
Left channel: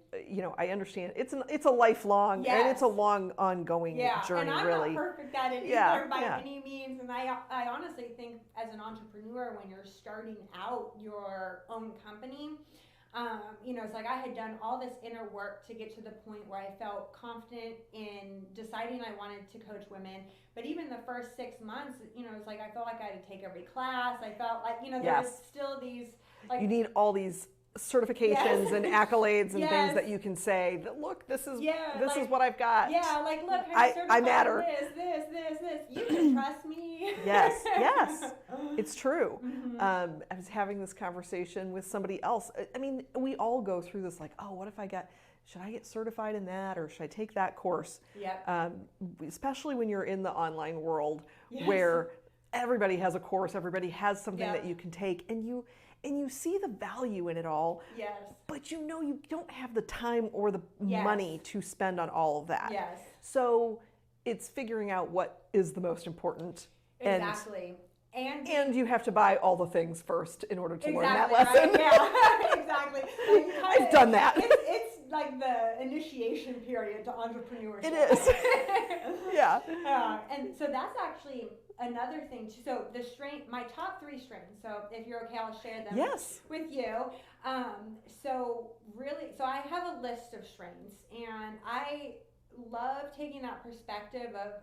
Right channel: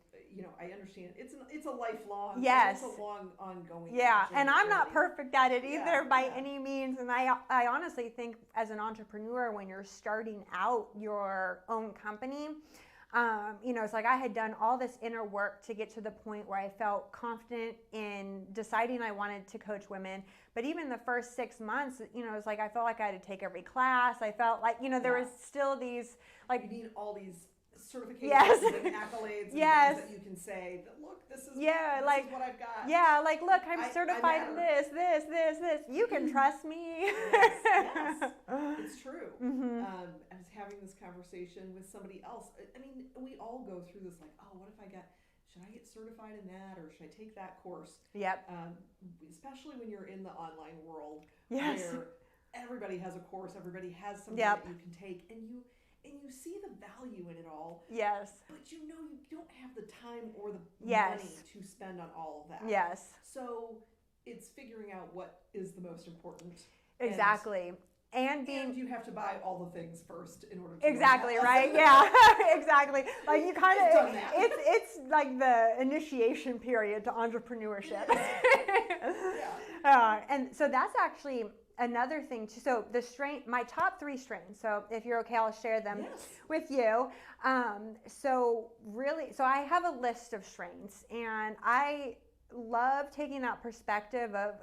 understand it's a lifelong, and it's a long ongoing journey. And I'm really. not perfect at it either by any means. And I honestly think, as an entrepreneur, when you're starting out your own company, it's like I had done all this inner work to get to the point where I felt confident in deciding I wanted to coach women. But even the first 6 months, it was like I felt like I had to take every class. I felt like, there was still these, like, you need all these certifications and accolades and things that you can say that, look, this is is what I've got. Yeah, like, look, I'm certified this. You can trust me. Yes, it's true. Mm-hmm. I was having this conversation with somebody else. I mean, we all go through this, like, oh, what if should I get certified in that, or should I take that course? Yep. Especially when you're in the online world, where everybody has a course, everybody has something that you can take, and you see the value in it all. Yes. But you don't have the time or the money to spend on all of that. Yes. So it's figuring out what is the most important. Exactly. And you have to buy all the things first in order to learn that Exactly, lesson. right? Yeah, exactly. Like, you kind of, I've done that. It's like the initiation period to entrepreneurship. It is. Yeah. And so that's actually another thing too. So my top 3 strengths. So if you're okay, I'll share them with you. So I have a list of strengths, and I love taking that perspective of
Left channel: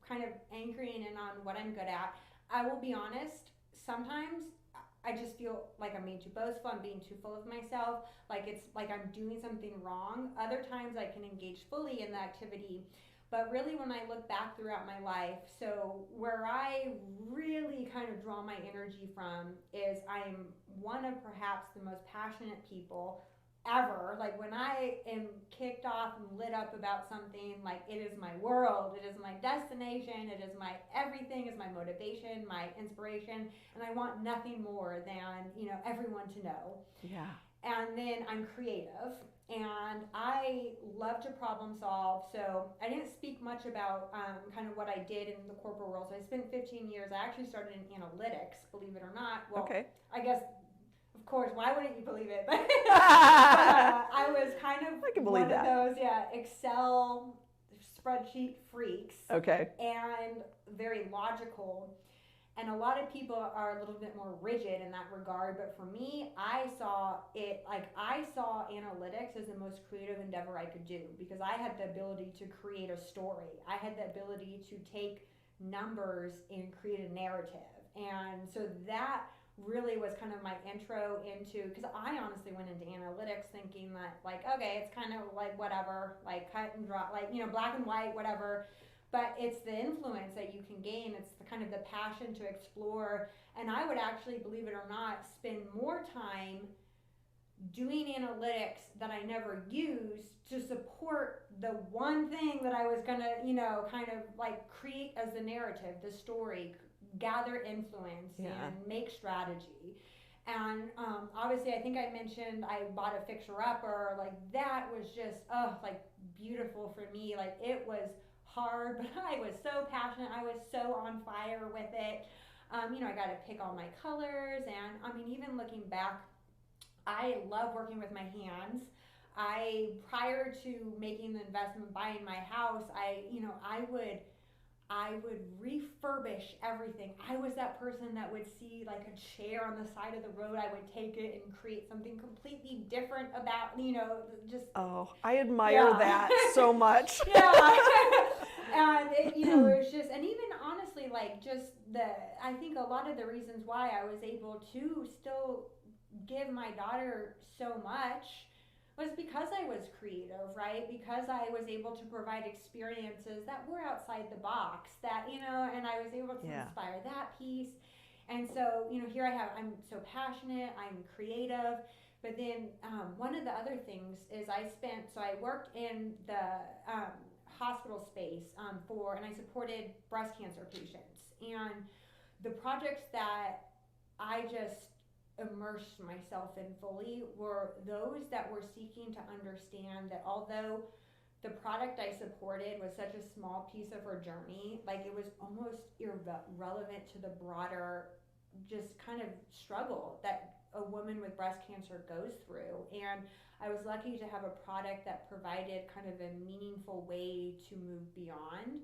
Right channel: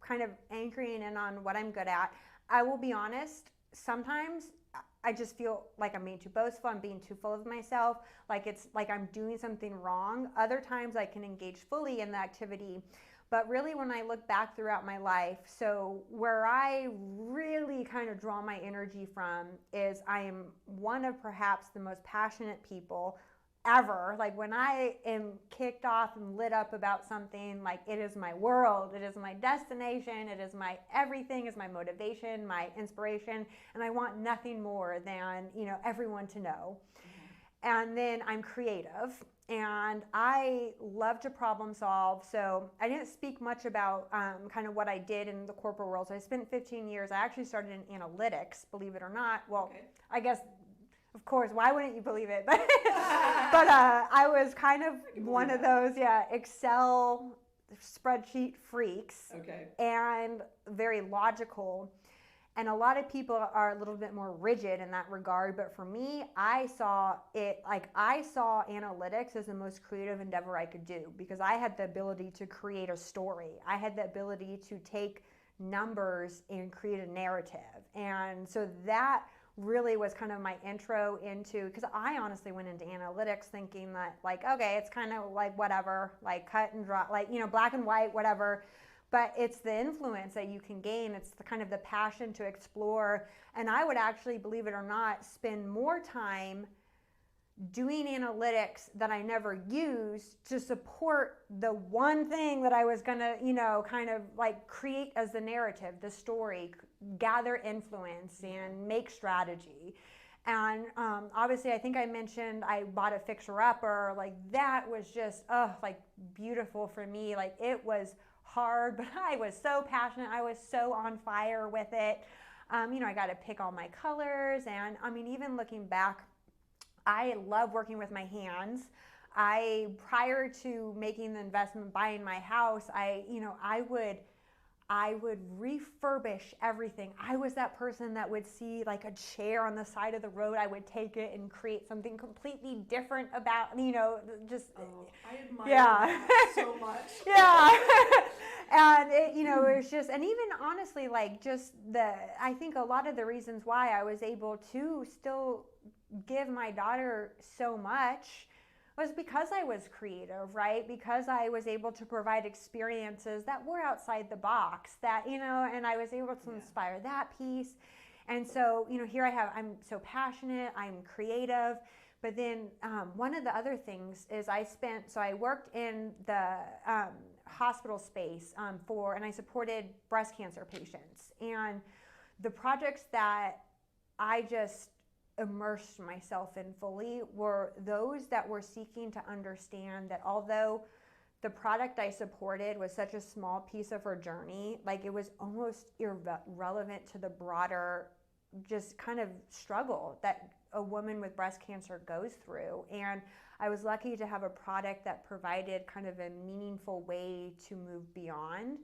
kind of anchoring in on what I'm good at. I will be honest, sometimes I just feel like I'm being too boastful, I'm being too full of myself, like it's like I'm doing something wrong. Other times I can engage fully in the activity. But really, when I look back throughout my life, so where I really kind of draw my energy from is I am one of perhaps the most passionate people ever. Like, when I am kicked off and lit up about something, like, it is my world, it is my destination, it is my everything, is my motivation, my inspiration, and I want nothing more than, everyone to know. Yeah. And then I'm creative, and I love to problem solve. So I didn't speak much about kind of what I did in the corporate world. So I spent 15 years. I actually started in analytics, believe it or not. Well, I guess, of course, why wouldn't you believe it? But, I was kind of one of those, Excel spreadsheet freaks. Okay. And very logical. And a lot of people are a little bit more rigid in that regard. But for me, I saw analytics as the most creative endeavor I could do, because I had the ability to create a story. I had the ability to take numbers and create a narrative. And so that really was kind of my intro into, because I honestly went into analytics thinking that, like, okay, it's kind of like whatever, like cut and dry, like, black and white, whatever. But it's the influence that you can gain. It's the kind of the passion to explore. And I would actually, believe it or not, spend more time doing analytics that I never used to support the one thing that I was going to, kind of like create as the narrative, the story, gather influence and make strategy. And obviously, I think I mentioned I bought a fixer-upper. Like, that was just, like, beautiful for me. Like, it was hard, but I was so passionate. I was so on fire with it. I got to pick all my colors. And I mean, even looking back, I love working with my hands. Prior to making the investment, buying my house, I would refurbish everything. I was that person that would see like a chair on the side of the road. I would take it and create something completely different about, just. Oh, I admire that so much. Yeah. And it was just, and even honestly, like I think a lot of the reasons why I was able to still give my daughter so much was because I was creative, right? Because I was able to provide experiences that were outside the box, that, and I was able to inspire that piece. And so, here I'm so passionate, I'm creative. But then one of the other things is I worked in the hospital space and I supported breast cancer patients. And the projects that I just immersed myself in fully were those that were seeking to understand that although the product I supported was such a small piece of her journey, like it was almost irrelevant to the broader just kind of struggle that a woman with breast cancer goes through. And I was lucky to have a product that provided kind of a meaningful way to move beyond,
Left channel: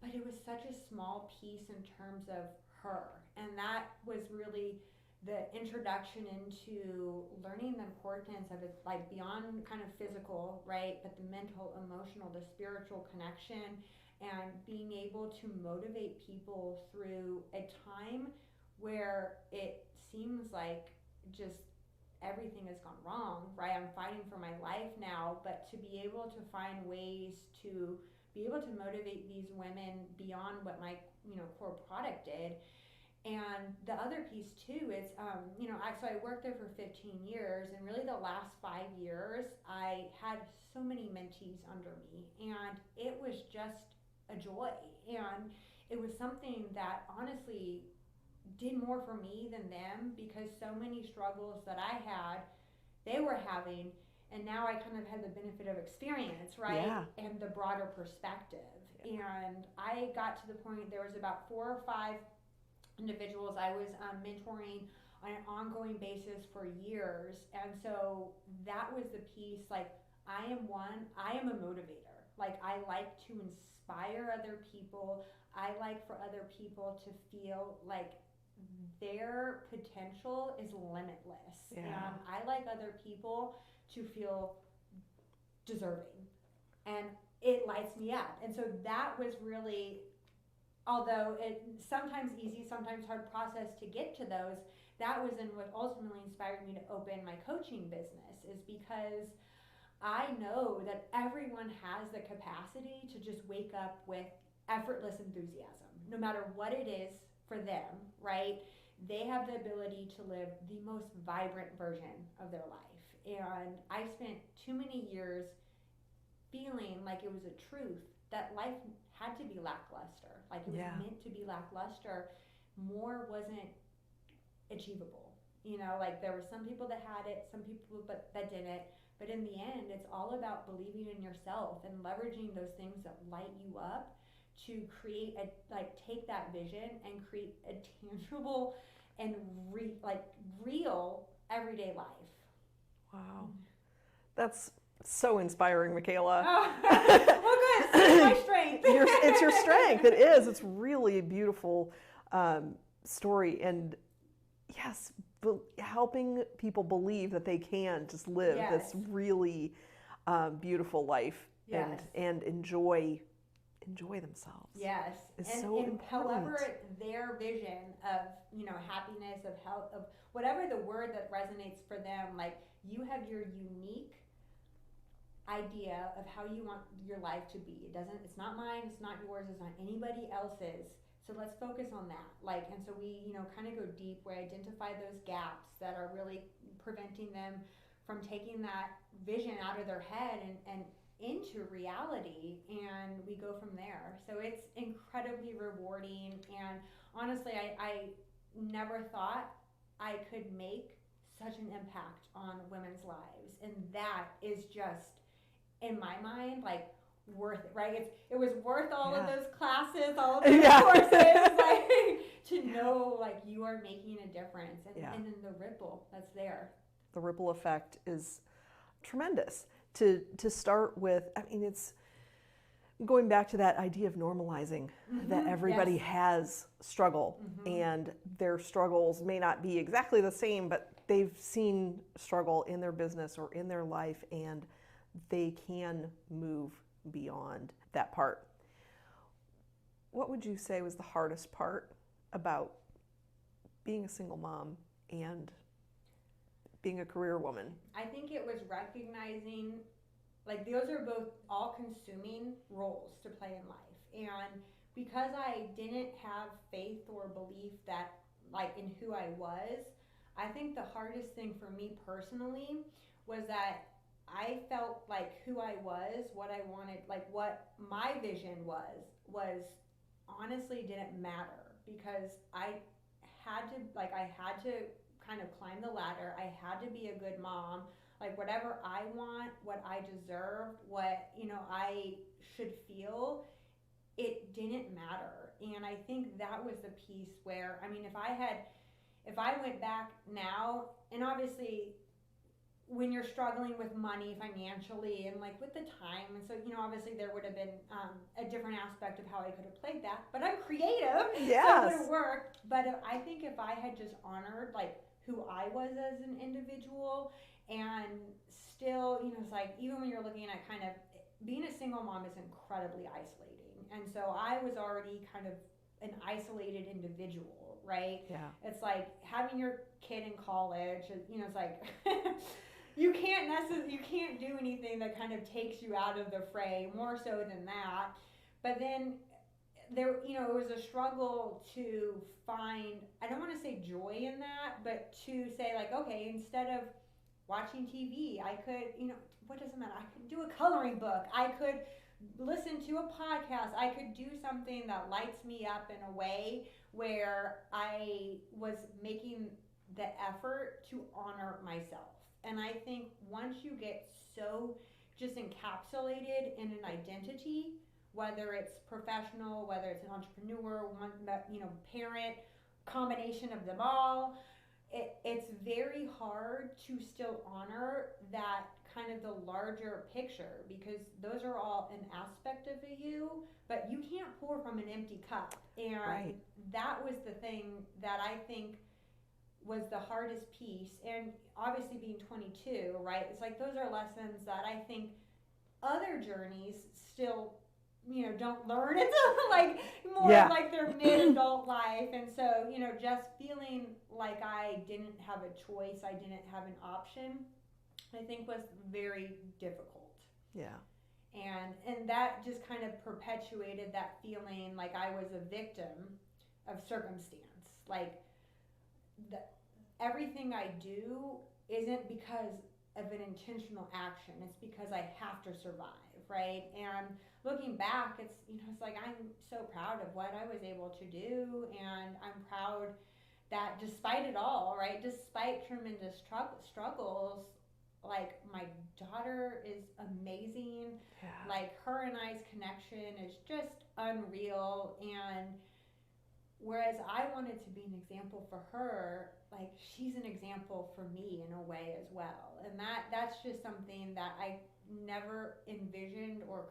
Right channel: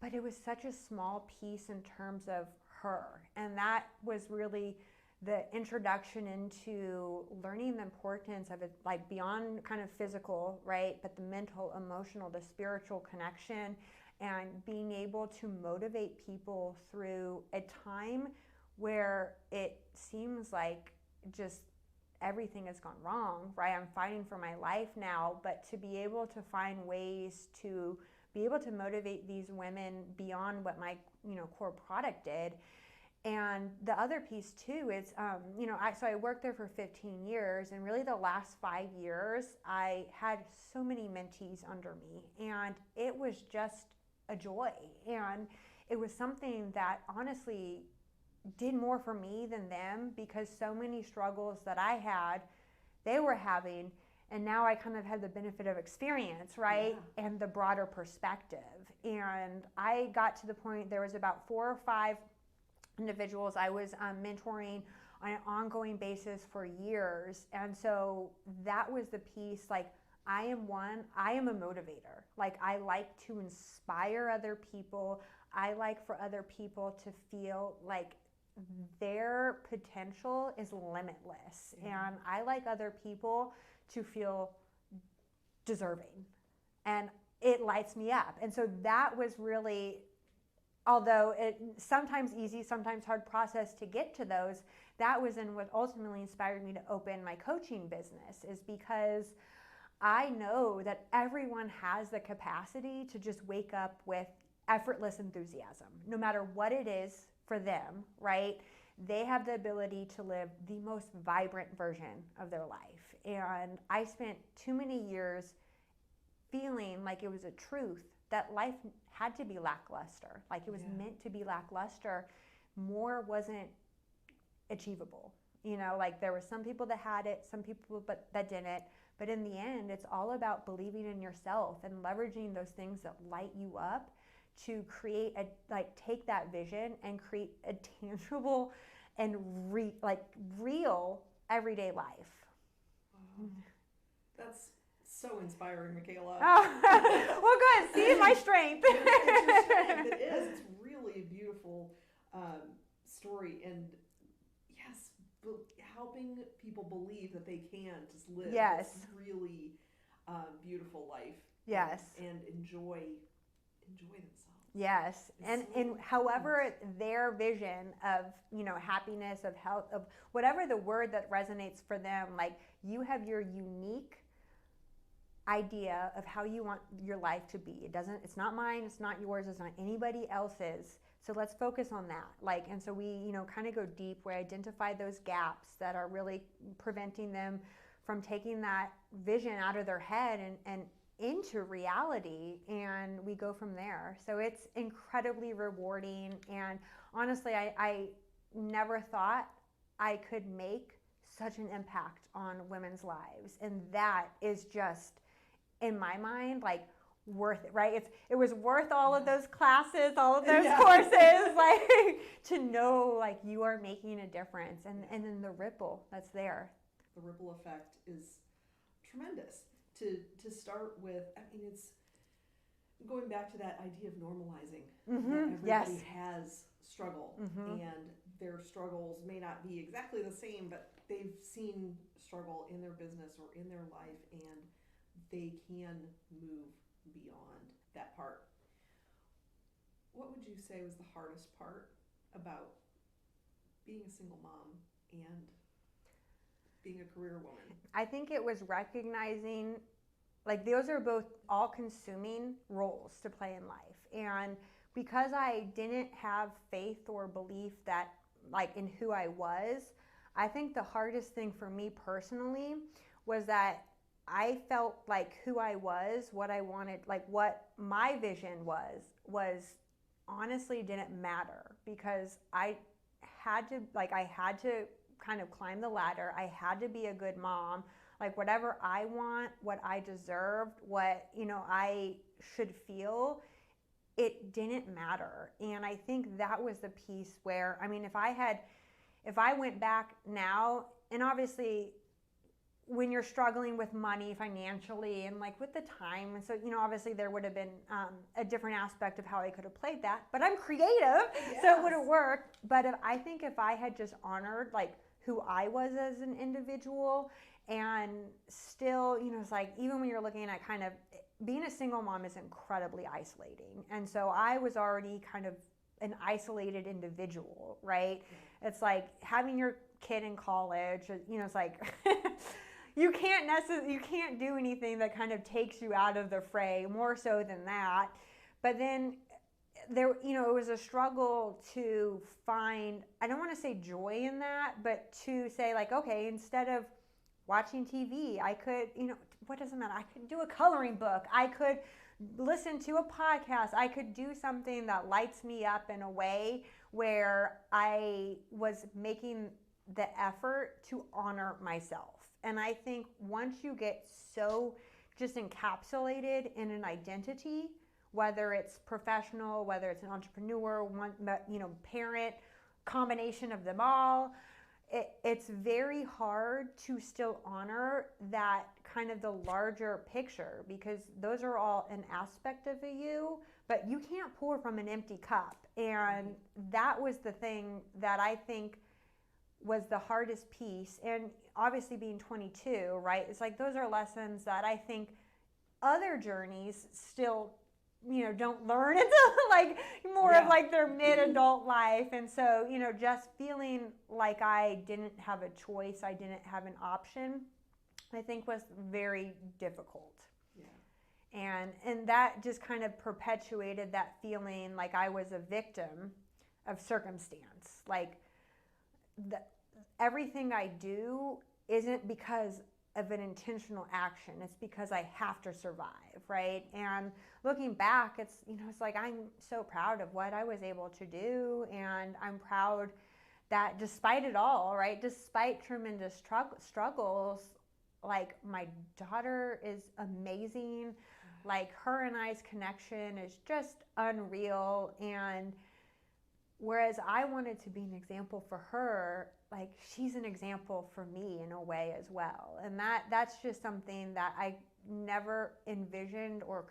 but it was such a small piece in terms of her. And that was really the introduction into learning the importance of it, like beyond kind of physical, right? But the mental, emotional, the spiritual connection, and being able to motivate people through a time where it seems like just everything has gone wrong, right? I'm fighting for my life now, but to be able to find ways to be able to motivate these women beyond what my core product did. And the other piece too is, so I worked there for 15 years, and really the last 5 years, I had so many mentees under me, and it was just a joy. And it was something that honestly did more for me than them, because so many struggles that I had, they were having, and now I kind of had the benefit of experience, right? Yeah. And the broader perspective. And I got to the point, there was about 4 or 5 individuals I was mentoring on an ongoing basis for years. And so that was the piece, like I am a motivator. Like I like to inspire other people. I like for other people to feel like their potential is limitless. Yeah. And I like other people to feel deserving. And it lights me up. And so that was really, although it sometimes easy, sometimes hard process to get to those, that was in what ultimately inspired me to open my coaching business, is because I know that everyone has the capacity to just wake up with effortless enthusiasm, no matter what it is for them, right? They have the ability to live the most vibrant version of their life. And I spent too many years feeling like it was a truth that life had to be lackluster, like it was meant to be lackluster. More wasn't achievable. Like there were some people that had it, some people that didn't. But in the end, it's all about believing in yourself and leveraging those things that light you up to create take that vision and create a tangible and real everyday life. Wow. That's so inspiring, Mikaela. Oh, well, good. See my strength. It's your strength. It is. It's really a beautiful story. And yes, helping people believe that they can just live this really beautiful life and enjoy themselves. Yes. And so however their vision of, happiness, of health, of whatever the word that resonates for them, like you have your unique idea of how you want your life to be. It's not mine, it's not yours, it's not anybody else's. So let's focus on that. And so we, kind of go deep. We identify those gaps that are really preventing them from taking that vision out of their head and into reality, and we go from there. So it's incredibly rewarding, and honestly, I never thought I could make such an impact on women's lives, and that is just, in my mind, like worth it, right? It was worth all of Yeah. those classes, all of those courses, like to know like you are making a difference, and then the ripple that's there. The ripple effect is tremendous. To start with, I mean, it's going back to that idea of normalizing that everybody has struggle, and their struggles may not be exactly the same, but they've seen struggle in their business or in their life, and they can move beyond that part. What would you say was the hardest part about being a single mom and being a career woman? I think it was recognizing, like, those are both all-consuming roles to play in life. And because I didn't have faith or belief that, like, in who I was, I think the hardest thing for me personally was that I felt like who I was, what I wanted, like what my vision was honestly didn't matter, because I had to kind of climb the ladder. I had to be a good mom. Like, whatever I want, what I deserve, what, I should feel, it didn't matter. And I think that was the piece where, I mean, if I went back now, and obviously when you're struggling with money financially and like with the time, and so, obviously there would have been a different aspect of how I could have played that, but I'm creative, so it would have worked. But I think if I had just honored like who I was as an individual, and still, it's like, even when you're looking at kind of being a single mom is incredibly isolating. And so I was already kind of an isolated individual, right? Yeah. It's like having your kid in college, it's like you can't do anything that kind of takes you out of the fray, more so than that. But then there, it was a struggle to find, I don't want to say joy in that, but to say like, okay, instead of watching TV, I could, what does it matter? I could do a coloring book. I could listen to a podcast. I could do something that lights me up in a way where I was making the effort to honor myself. And I think once you get so just encapsulated in an identity, whether it's professional, whether it's an entrepreneur, parent, combination of them all, it's very hard to still honor that kind of the larger picture, because those are all an aspect of you, but you can't pour from an empty cup. And that was the thing that I think was the hardest piece. And obviously being 22, right, it's like those are lessons that I think other journeys still don't learn until like more of like their mid-adult life. And so, just feeling like I didn't have a choice, I didn't have an option, I think was very difficult. Yeah. And that just kind of perpetuated that feeling like I was a victim of circumstance. Like everything I do isn't because of an intentional action. It's because I have to survive, right? And looking back, it's it's like I'm so proud of what I was able to do, and I'm proud that despite it all, right, despite tremendous struggles, like my daughter is amazing. Yeah. Like her and I's connection is just unreal. And whereas I wanted to be an example for her, like she's an example for me in a way as well. And that's just something that I never envisioned or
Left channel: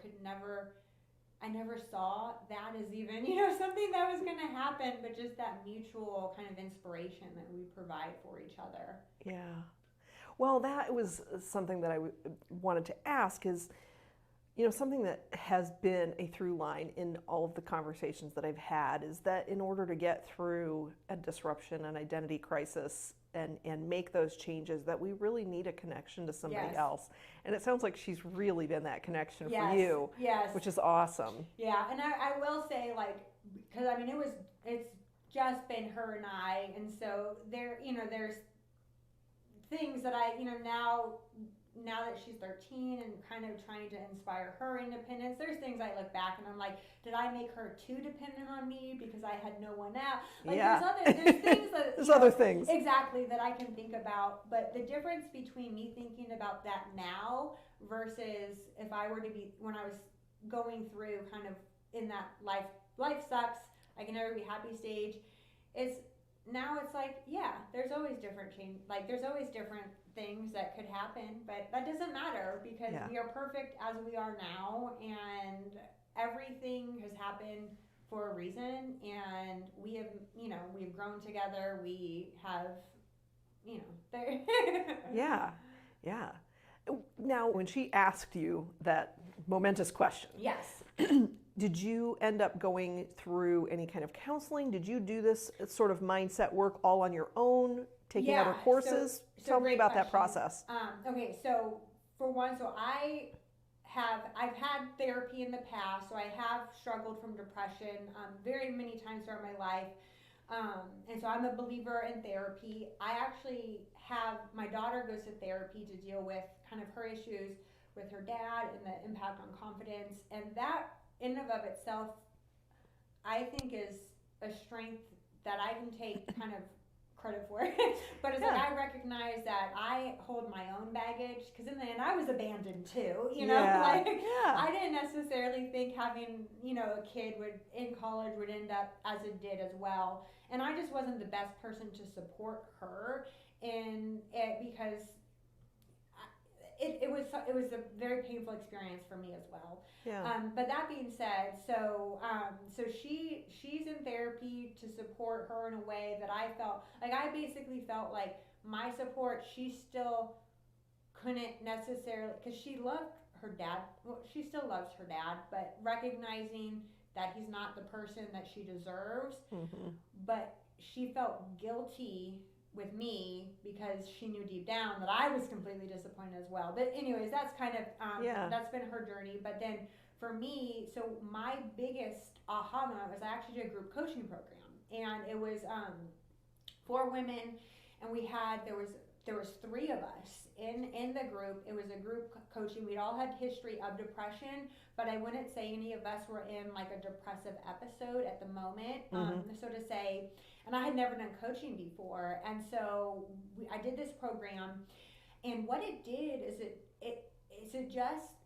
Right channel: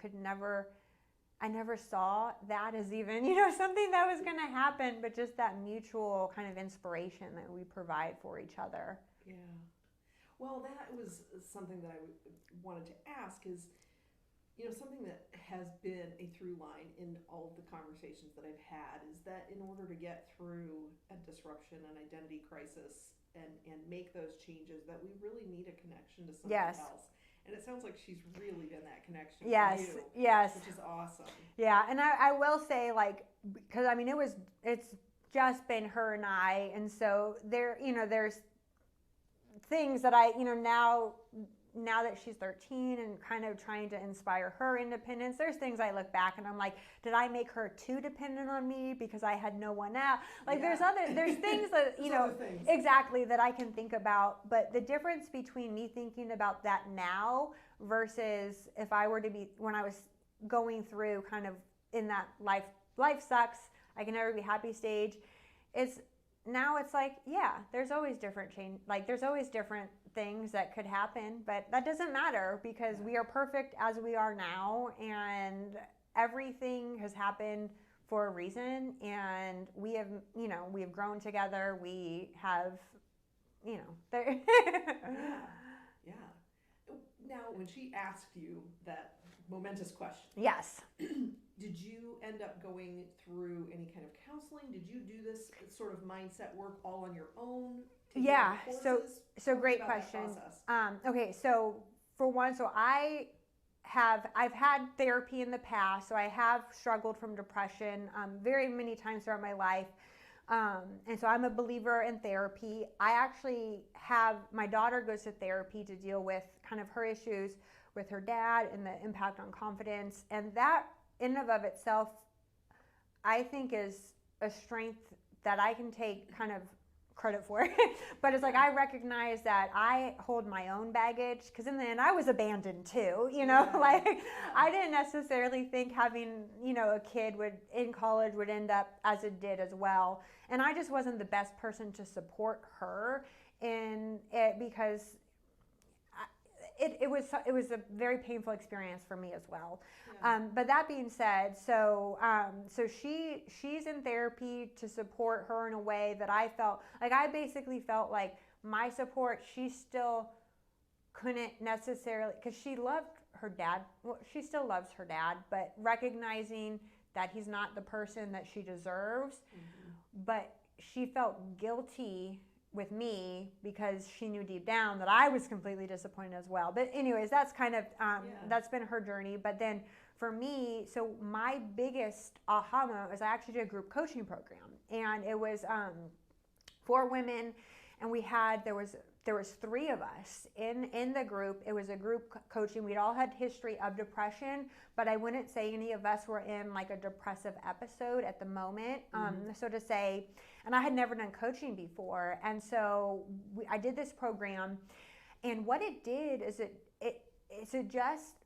I never saw that as even, something that was going to happen, but just that mutual kind of inspiration that we provide for each other. Yeah. Well, that was something that I wanted to ask is, something that has been a through line in all of the conversations that I've had is that in order to get through a disruption, an identity crisis, and make those changes, that we really need a connection to somebody else. And it sounds like she's really been that connection for you, which is awesome. Yeah, and I will say, like, because I mean, it's just been her and I, and so there's things that I, now that she's 13 and kind of trying to inspire her independence, there's things I look back and I'm like, did I make her too dependent on me because I had no one else? Like there's things that there's other things exactly that I can think about. But the difference between me thinking about that now versus if I were to be when I was going through kind of in that life sucks, I can never be happy stage, it's now it's like, yeah, there's always different change, like there's always different things that could happen, but that doesn't matter because we are perfect as we are now, and everything has happened for a reason, and we have, we've grown together, we have, Yeah. Now, when she asked you that momentous question, yes. Did you end up going through any kind of counseling? Did you do this sort of mindset work all on your own, taking other courses? Tell me about that process. Okay, so for one, I've had therapy in the past, so I have struggled from depression very many times throughout my life. And so I'm a believer in therapy. I actually my daughter goes to therapy to deal with kind of her issues with her dad and the impact on confidence. And that in and of itself, I think is a strength that I can take kind of credit for. But it's like I recognize that I hold my own baggage, because in the end I was abandoned too, I didn't necessarily think having, a kid in college would end up as it did as well. And I just wasn't the best person to support her in it, because it was a very painful experience for me as well. Yeah. But that being said, so she's in therapy to support her in a way that I felt like I basically felt like my support, she still couldn't necessarily, because she loved her dad. Well, she still loves her dad, but recognizing that he's not the person that she deserves. Mm-hmm. But she felt guilty with me because she knew deep down that I was completely disappointed as well. But anyways, that's kind of, that's been her journey. But then for me, so my biggest aha moment was I actually did a group coaching program, and it was for women, and there was 3 of us in the group. It was a group coaching. We'd all had history of depression, but I wouldn't say any of us were in like a depressive episode at the moment. So to say, and I had never done coaching before. And so I did this program, and what it did is it just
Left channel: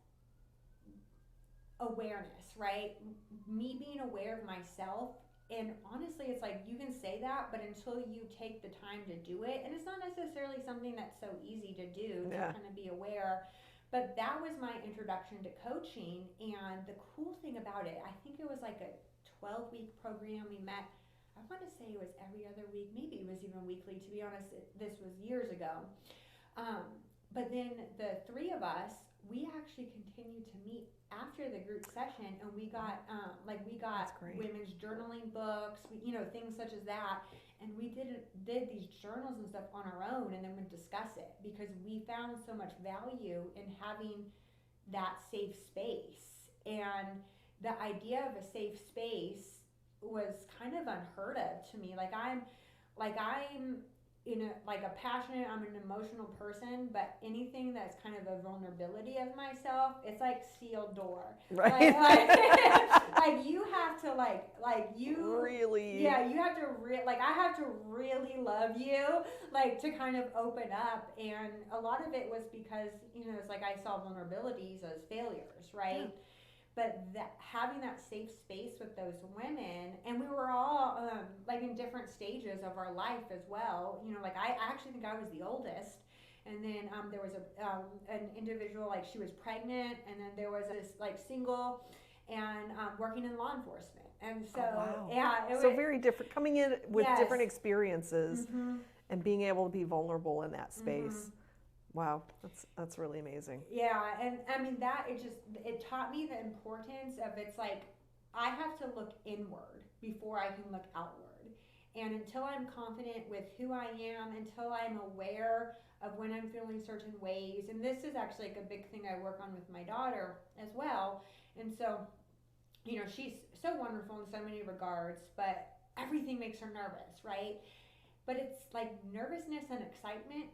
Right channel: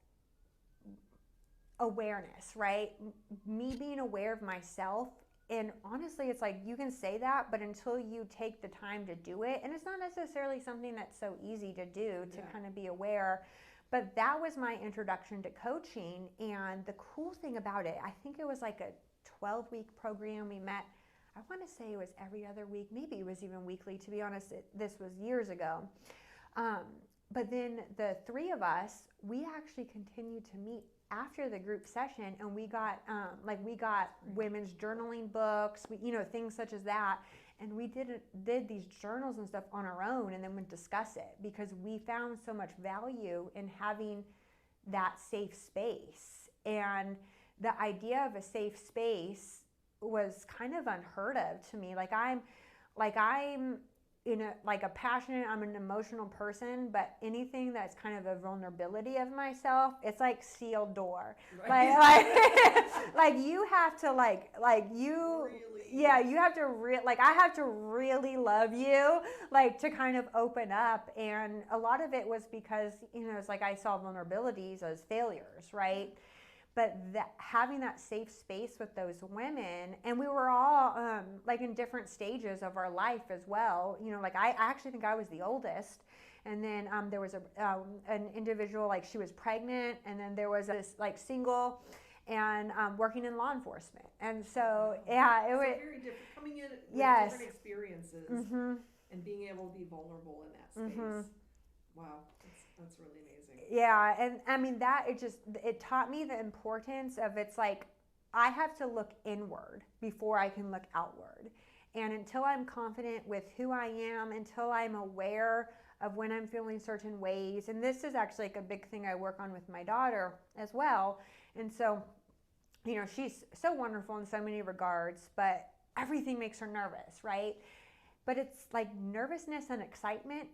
awareness, right? Me being aware of myself. And honestly, it's like you can say that, but until you take the time to do it, and it's not necessarily something that's so easy to do, to kind of be aware. But that was my introduction to coaching. And the cool thing about it, I think it was like a 12-week program. We met, I want to say it was every other week, maybe it was even weekly, to be honest. This was years ago. But then the 3 of us, we actually continued to meet after the group session, and we got women's journaling books, things such as that, and we did these journals and stuff on our own, and then we'd discuss it, because we found so much value in having that safe space. And the idea of a safe space was kind of unheard of to me. I'm I'm an emotional person, but anything that's kind of a vulnerability of myself, it's like sealed door. Right. Like you have to really, you have to I have to really love you, to kind of open up. And a lot of it was because, it's like I saw vulnerabilities as failures, right? Yeah. But having that safe space with those women, and we were all in different stages of our life as well. I actually think I was the oldest, and then there was an individual, she was pregnant, and then there was this single and working in law enforcement. And so it was very different, coming in with different experiences, and being able to be vulnerable in that space. Mm-hmm. Wow, that's really amazing. Yeah, and I mean it taught me the importance of, it's like I have to look inward before I can look outward. And until I'm confident with who I am, until I'm aware of when I'm feeling certain ways, and this is actually a big thing I work on with my daughter as well. And so, she's so wonderful in so many regards, but everything makes her nervous, right? But it's like nervousness and excitement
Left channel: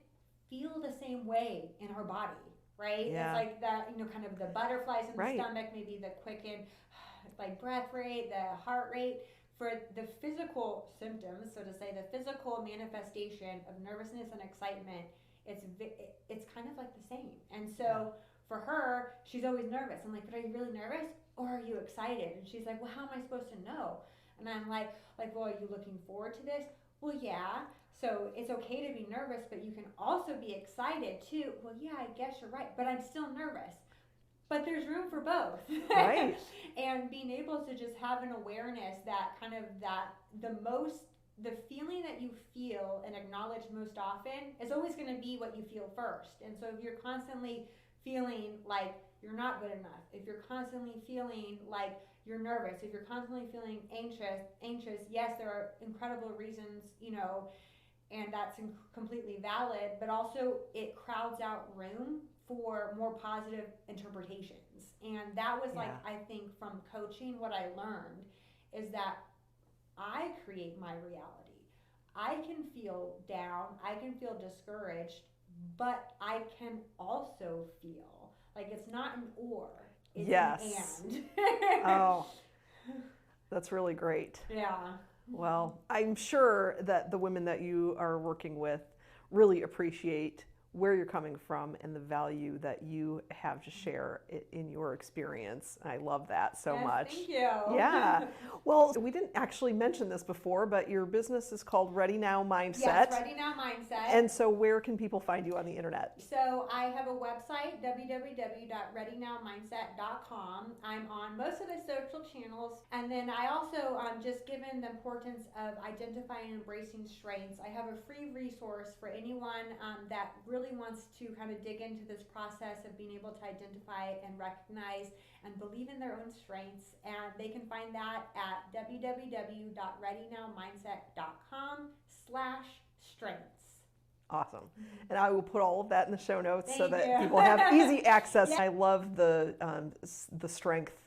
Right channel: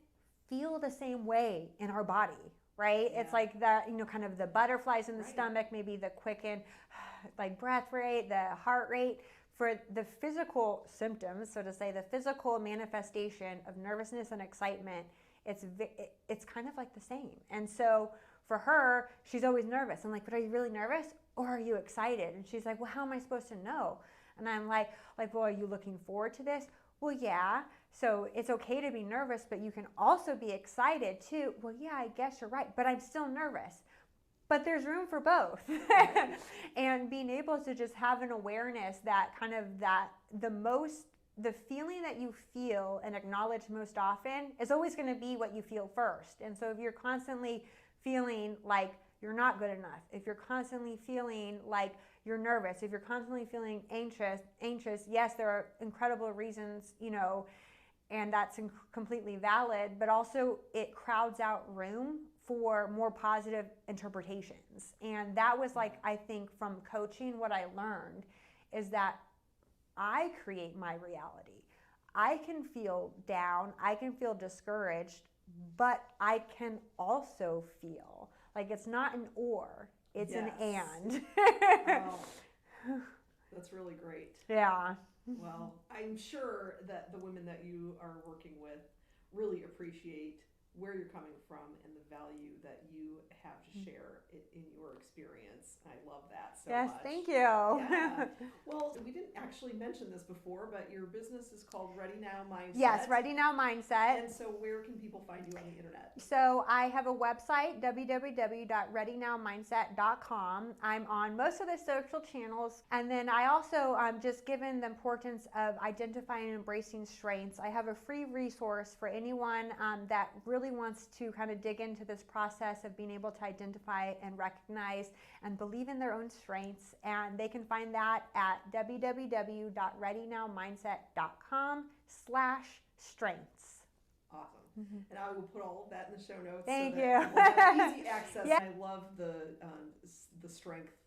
feel the same way in our body, right? Yeah. It's like the, kind of the butterflies in the stomach, maybe the quickened breath rate, the heart rate. For the physical symptoms, so to say, the physical manifestation of nervousness and excitement, it's kind of like the same. And so for her, she's always nervous. I'm like, but are you really nervous? or are you excited? And she's like, well, how am I supposed to know? And I'm like, well, are you looking forward to this? Well, yeah. So it's okay to be nervous, but you can also be excited too. Well, yeah, I guess you're right, but I'm still nervous. But there's room for both. Right. And being able to just have an awareness that the feeling that you feel and acknowledge most often is always going to be what you feel first. And so if you're constantly feeling like you're not good enough, if you're constantly feeling like you're nervous, if you're constantly feeling anxious, yes, there are incredible reasons, and that's completely valid, but also it crowds out room for more positive interpretations. And that was I think from coaching, what I learned is that I create my reality. I can feel down, I can feel discouraged, but I can also feel like it's not an or, it's an and. Oh, that's really great. Yeah. Well, I'm sure that the women that you are working with really appreciate where you're coming from and the value that you have to share in your experience. I love that so much. Thank you. Yeah. Well, we didn't actually mention this before, but your business is called Ready Now Mindset. Yes, Ready Now Mindset. And so where can people find you on the internet? So I have a website, www.readynowmindset.com. I'm on most of the social channels. And then I also, just given the importance of identifying and embracing strengths, I have a free resource for anyone that really wants to kind of dig into this process of being able to identify and recognize and believe in their own strengths. And they can find that at www.readynowmindset.com/strengths. Awesome. And I will put all of that in the show notes so that you. people have easy access. I love the strength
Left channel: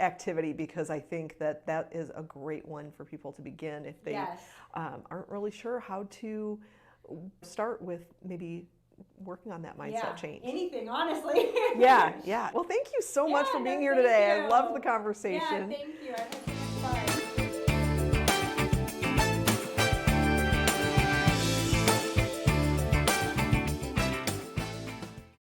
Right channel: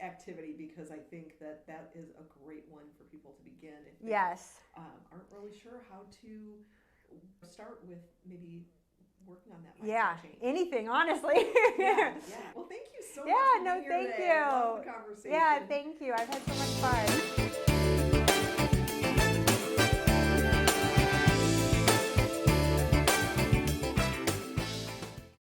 activity, because I think that is a great one for people to begin if they aren't really sure how to start with maybe working on that mindset change. Anything, honestly. Yeah. Well, thank you so much for being here today. I love the conversation. Yeah, thank you. I've had so much fun.